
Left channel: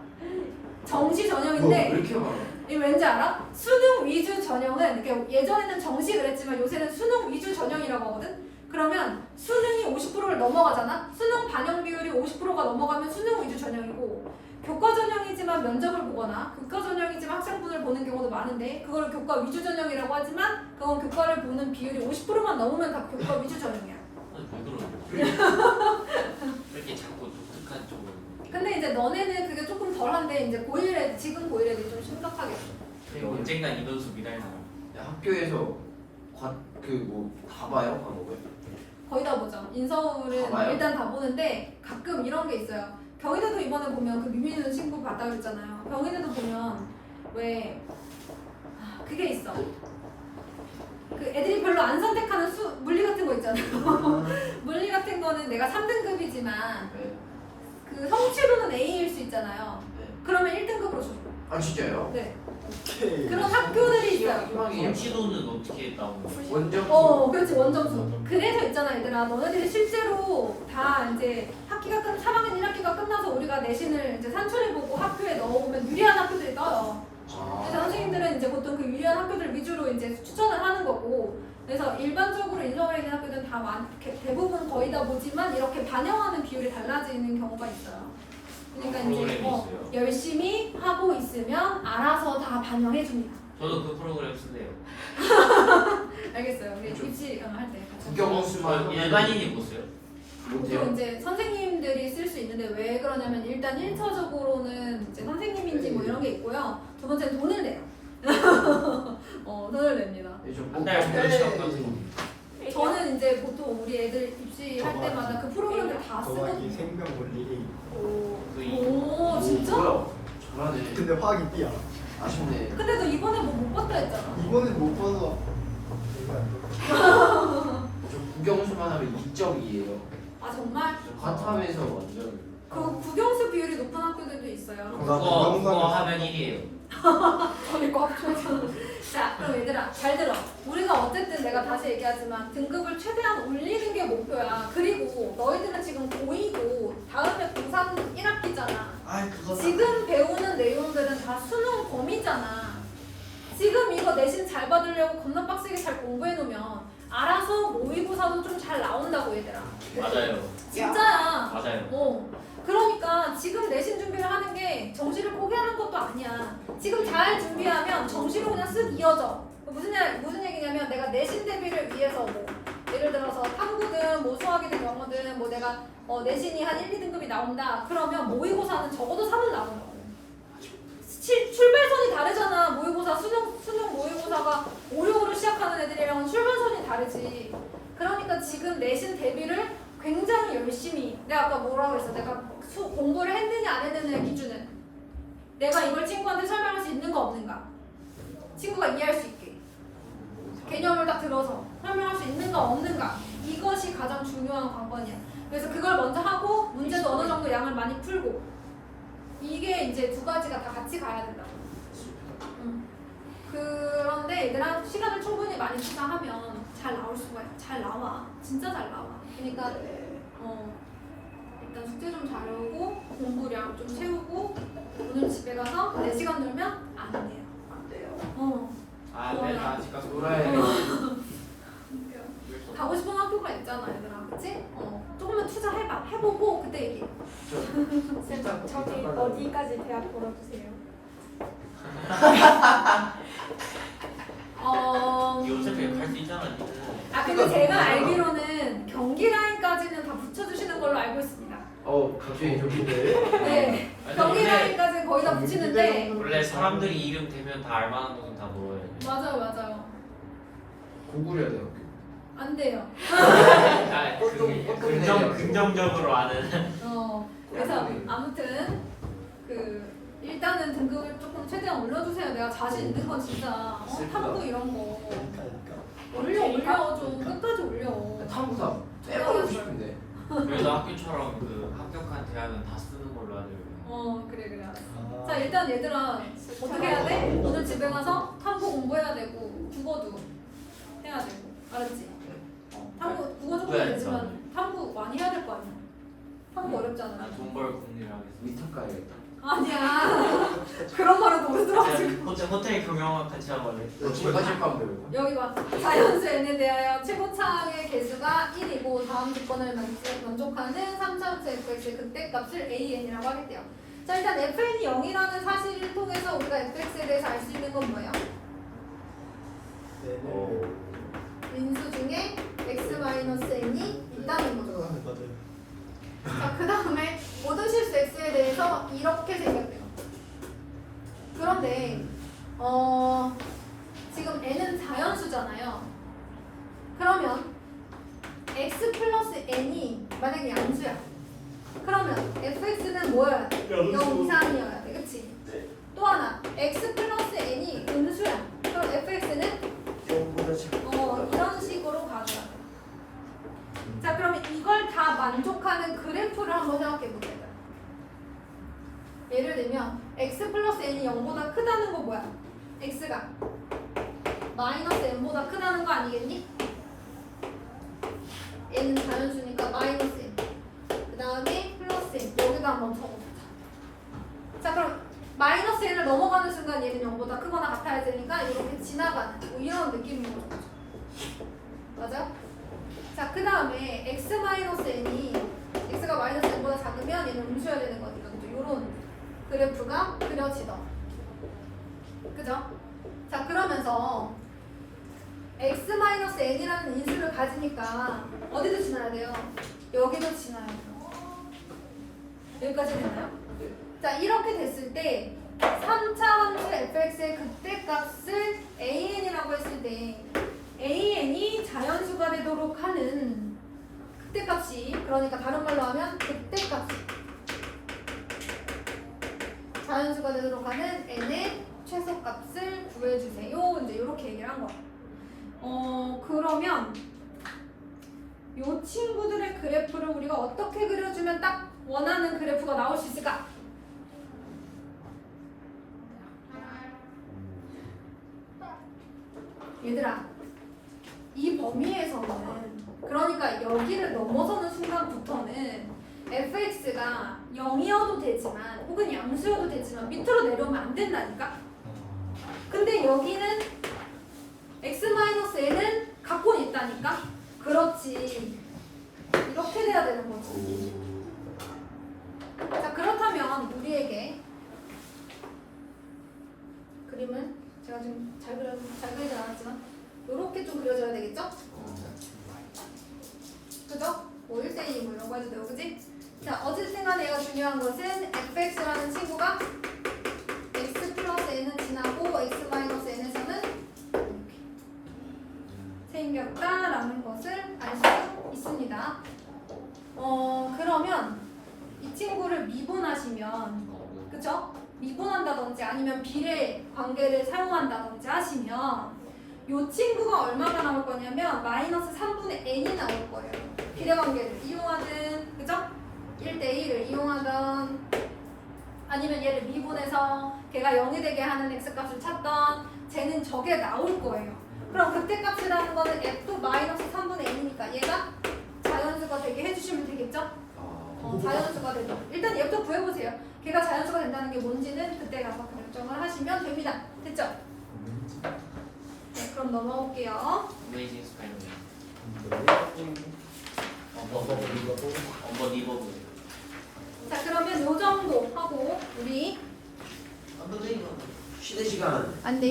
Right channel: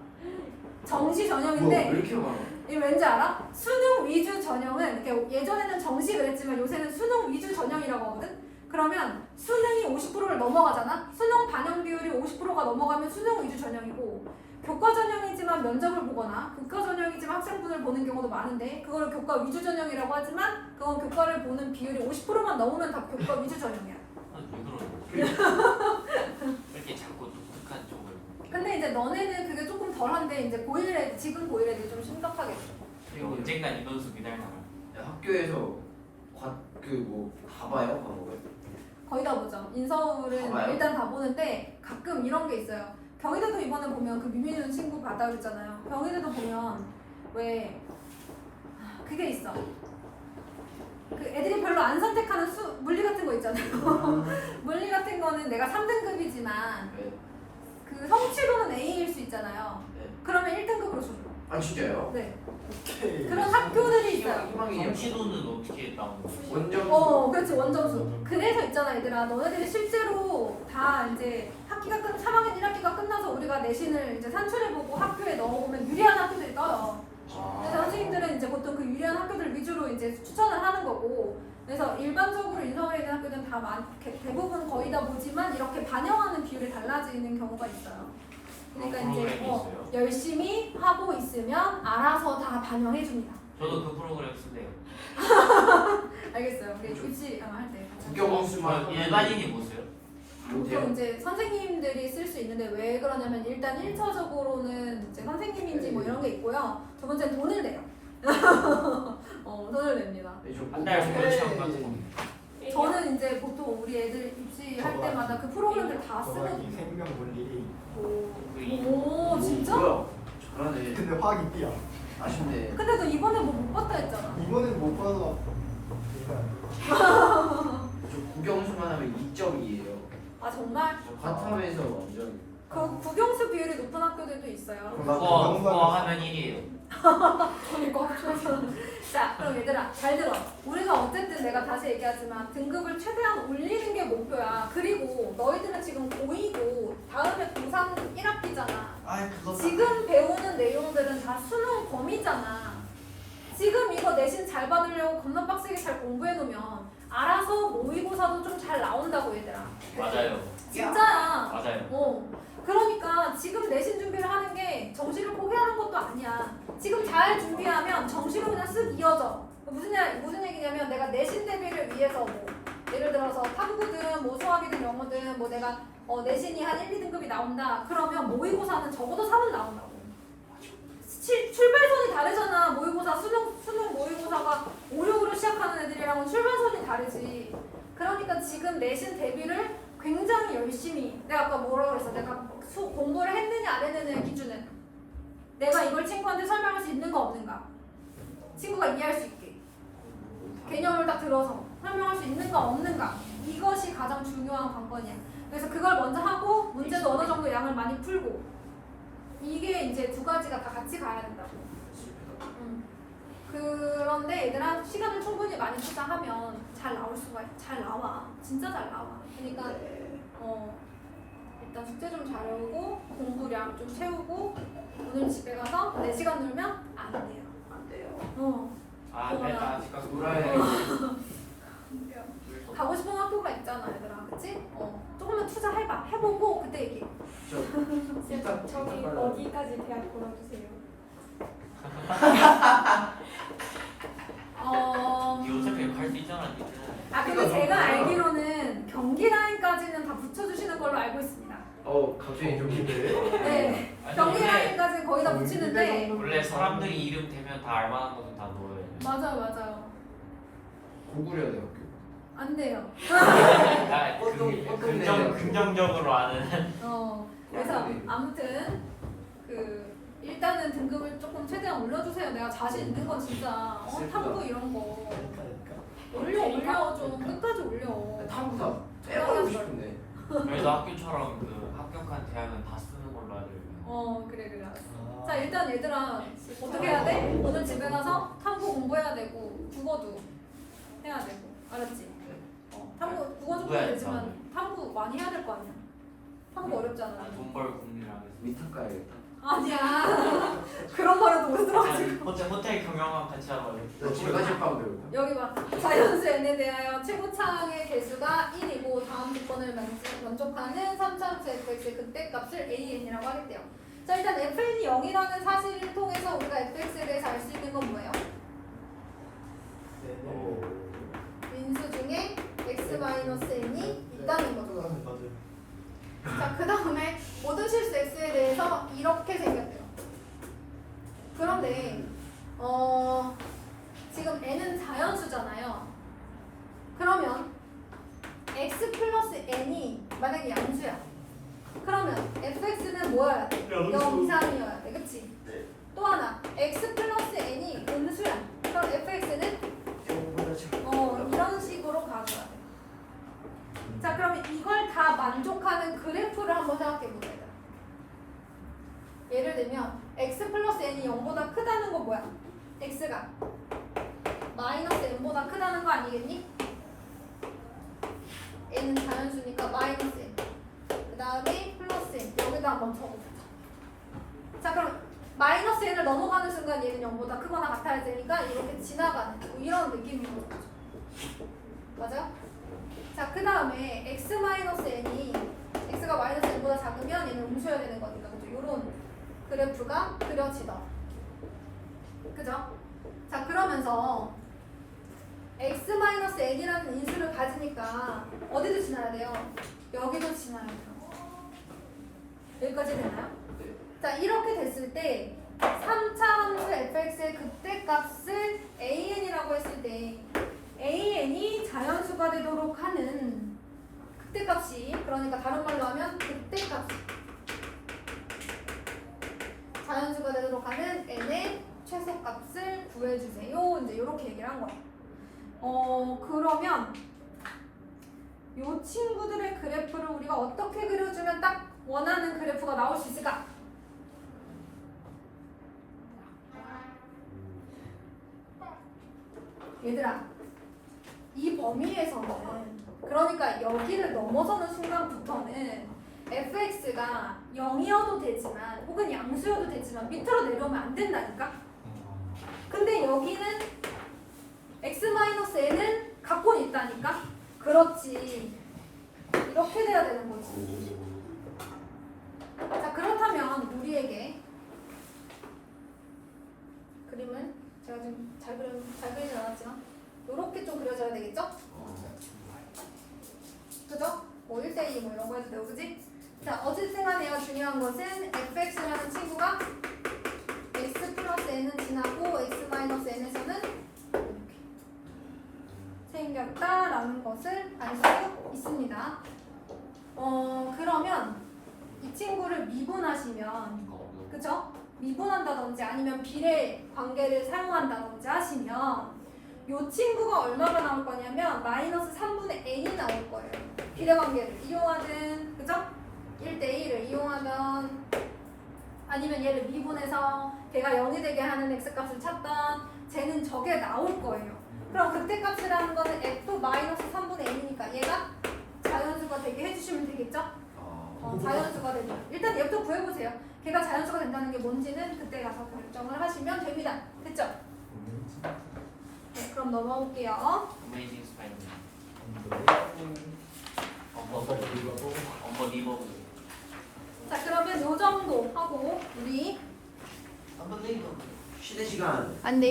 정시 뭐, 왜 전형인데 이렇게 많아? 이 왠지 알아? 수능 위주 전형은 이렇게 예전에는 정시 그랬지만 요새는 수능 위주 전형이라고 하거든? 그러면 수능이 50%를 넘어가잖아? 수능 반영 비율이 50%가 넘어가면 수능 위주 전형이고 교과 전형이지만 면접을 보거나 교과 전형이지만 학생분을 보는 경우도 많은데 그걸 교과 위주 전형이라고 하지만 그건 교과를 보는 비율이 50%만 넘으면 다 교과 위주 전형이야. 왜 그러는 거지? 왜 이렇게 자꾸 독특한 쪽을. 근데 이제 너네는 그게 조금 덜한데 이제 고1 애들, 지금 고1 애들이 좀 심각하겠어. 그리고 언젠간 이변수 미달 나와. 학교에서 다 봐요? 과목을? 거의 다 보죠. 인서울은 다 봐요? 일단 다 보는데 가끔 이런 게 있어요. 경희대도 이번에 보면 그 미미는 친구 봤다 그랬잖아요. 경희대도 보면 왜 그게 있어. 그 애들이 별로 안 선택하는 물리 같은 거 있잖아요. 물리 같은 거는 내가 3등급이지만 네. 그 성취도는 A일 수 있잖아요. 네. 그러면 1등급으로 줘. 아 진짜요? 네. 오케이. 그런 학교들이 있어요. 희망이에요. 정치도는 어떻게 나오는 거예요? 원점. 그렇지 원점수. 그래서 있잖아 얘들아, 너네들이 실제로 다 이제 학기가 3학년 1학기가 끝나서 우리가 내신을 이제 산출해보고 학교에 넣어보면 유리한 학교들이 떠요. 그래서 선생님들은 이제 보통 그 유리한 학교들 위주로 이제 추천을 하는 거고, 그래서 일반적으로 인서울에 있는 학교들은 다 대부분 거의 다 보지만 이렇게 반영하는 비율이 달라지는 경우가 있어요. 그러니까 이제 프로그램이 있어요? 열심히 하고 있으면 알아서 다 반영해 줍니다. 저도 그 프로그램 쓸래요. 알겠어요. 우리 입시 할 때. 국영수만 일반인이 못 써요? 보통 이제 선생님들이 쓸 수 있는데 왜 그러냐면 일단 1차적으로는 이제 선생님인지 뭐 이런 게 있고요. 두 번째는 돈을 내요. 돈을 냅니다. 한달 무료 시험 같은 거. 저는 이제 보통 우리 애들 입시할 저거 때마다 그 프로그램들 다 저기 쓰거든요. 생명 논리. 오 진짜? 뭐야? 잘하네. 근데 화학이 B야. 아쉽네. 근데 너 이번에 뭐 못 봤다 했잖아. 이번에 못 봐서 내가 안 국영수만 하면 2점이에요. 아 정말? 과탐에서 완전. 그 국영수 비율이 높은 학교들도 있어요. 나 그거 하면 1위에요. 이거 자 그럼 얘들아 잘 들어. 우리가 어쨌든 내가 다시 얘기하지만 등급을 최대한 올리는 게 목표야. 그리고 너희들은 지금 고2고 다음에 고3 1학기잖아. 아 그거 지금 배우는 내용들은 다 수능 범위잖아. 지금 이거 내신 잘 받으려고 겁나 빡세게 잘 공부해 놓으면 알아서 모의고사도 좀 잘 나온다고 얘들아. 맞아요. 진짜야. 맞아요. 그러니까 지금 내신 준비를 하는 게 정시를 포기하는 것도 아니야. 지금 잘 준비하면 정시로 그냥 쓱 이어져. 무슨 얘기냐면 내가 내신 대비를 위해서 뭐 예를 들어서 탐구든 뭐 수학이든 영어든 뭐 내가 내신이 한 1, 2등급이 나온다. 그러면 모의고사는 적어도 3은 나온다고. 출발선이 다르잖아. 모의고사 수능 모의고사가 5, 6으로 시작하는 애들이랑 출발선이 다르지. 그러니까 지금 내신 대비를 굉장히 열심히, 내가 아까 뭐라고 했어? 내가 공부를 했느냐 안 했느냐의 기준은 내가 이걸 친구한테 설명할 수 있는가 없는가, 친구가 이해할 수 있게 개념을 딱 들어서 설명할 수 있는가 없는가, 이것이 가장 중요한 관건이야. 그래서 그걸 먼저 하고 문제도 어느 정도 양을 많이 풀고, 이게 이제 두 가지가 다 같이 가야 된다고. 그런데 얘들아 시간을 충분히 많이 투자하면 잘 나와. 진짜 잘 나와. 그러니까 일단 숙제 좀 잘하고 공부량 좀 채우고 오늘 집에 가서 4시간 놀면 안 돼요. 안 돼요. 아, 네. 아직 가서 놀아야 돼. 가고 싶은 학교가 있잖아 얘들아, 그치? 조금만 투자해봐. 해보고 그때 얘기해. 저기 어디까지 대학 보내주세요. 이거 어차피 갈수 있잖아. 근데 제가 알기로는 경기 라인까지는 다 붙여주시는 걸로 알고 있습니다. 갑자기 좀 기대. 네, 경기 라인까지 거의 다 붙이는데. 원래 사람들이 이름 대면 다 알만한 것은 다 넣어야 돼. 맞아요. 고구려 대학교. 안 돼요. 긍정적으로 아는. 그래서 아무튼 일단은 등급을 조금 최대한 올려주세요. 내가 자신 있는 건 진짜 탐구 이런 거 올려 좀 끝까지 올려. 탐구사 빼버리고 싶은데. 그래서 학교처럼 그 합격한 대학은 다 쓰는 걸로 해야 돼요. 그래. 자 일단 얘들아 어떻게 해야 돼? 오늘 집에 가서 탐구 공부해야 되고 국어도 해야 되고, 알았지? 탐구 국어 조금 되지만 탐구 많이 해야 될 거 아니야. 탐구 어렵잖아. 돈벌 공리라고. 위탁 가야겠다. 아니야. 그런 말은 모르지 마시고. 호텔 경영학 같이 하고 제가 실감 배우고. 여기 봐. 자연수 n에 대하여 최고차항의 개수가 1이고 다음 조건을 만족하는 3차원체 fx의 극대값을 an이라고 하겠대요. 자 일단 fn이 0이라는 사실을 통해서 우리가 fx에 대해서 알 수 있는 건 뭐예요? 인수 중에 x-n이 있다는 거죠. 자, 그 다음에 모든 실수 x에 대해서 이렇게 생겼대요. 그런데 지금 n은 자연수잖아요. 그러면 x 플러스 n이 만약에 양수야. 그러면 fx는 뭐여야 돼? 0 이상이어야 돼. 그치? 또 하나 x 플러스 n이 음수야. 그럼 fx는 이런 식으로 가져야 돼. 자 그러면 이걸 다 만족하는 그래프를 한번 생각해 보자. 예를 들면 x 플러스 n이 0보다 크다는 건 뭐야? x가 마이너스 n보다 크다는 거 아니겠니? n은 자연수니까 마이너스 n. 그 다음에 플러스 n. 여기다 한번 적어보자. 자, 그럼 마이너스 n을 넘어가는 순간 얘는 0보다 크거나 같아야 되니까 이렇게 지나가는 뭐 이런 느낌인 거죠. 맞아요? 자, 그 다음에 x 마이너스 n이 x가 마이너스 n보다 작으면 얘는 음수여야 되는 거니까 이런 그래프가 그려지더라. 그죠? 자, 그러면서 x 마이너스 n이라는 인수를 가지니까 어디도 지나야 돼요? 여기도 지나야 돼요. 여기까지 됐나요? 자, 이렇게 됐을 때 3차 함수 fx의 극대값을 an이라고 했을 때 an이 자연수가 되도록 하는 극대값이, 그러니까 다른 말로 하면 극대값이 자연수가 되도록 하는 n의 최소값을 구해주세요. 이제 이렇게 얘기를 한 거야. 그러면 이 친구들의 그래프를 우리가 어떻게 그려주면 딱 원하는 그래프가 나올 수 있을까? 얘들아, 이 범위에서는, 그러니까 여기를 넘어서는 순간부터는 fx가 0이어도 되지만 혹은 양수여도 되지만 밑으로 내려오면 안 된다니까? 근데 여기는 x-n은 갖고 있다니까? 그렇지. 이렇게 돼야 되는 거지. 자, 그렇다면 우리에게 그림을 제가 좀 잘 그리진 않았지만 이렇게 좀 그려줘야 되겠죠? 그죠? 뭐 1대2 뭐 이런 거 해도 되고, 그지? 자, 어쨌든 간에 얘가 중요한 것은 fx라는 친구가 x 플러스 n은 지나고 x 마이너스 n에서는 이렇게 생겼다라는 것을 알 수 있습니다. 그러면 이 친구를 미분하시면, 그쵸? 미분한다든지 아니면 비례 관계를 사용한다든지 하시면 이 친구가 얼마가 나올 거냐면 마이너스 3분의 n이 나올 거예요. 비례 관계를 이용하든, 그죠? 1대1을 이용하든 아니면 얘를 미분해서 걔가 0이 되게 하는 x값을 찾던 쟤는 저게 나올 거예요. 그럼 극대값이라는 거는 f 마이너스 3분의 n이니까 얘가 자연수가 되게 해주시면 되겠죠? 자연수가 되죠. 일단 얘부터 구해보세요. 걔가 자연수가 된다는 게 뭔지는 그때 가서 결정을 하시면 됩니다. 됐죠? 네, 그럼 넘어올게요. 어메이징 스파이더맨. 엄마가 리버고 엄버 리버브. 자, 그러면 요 정도 하고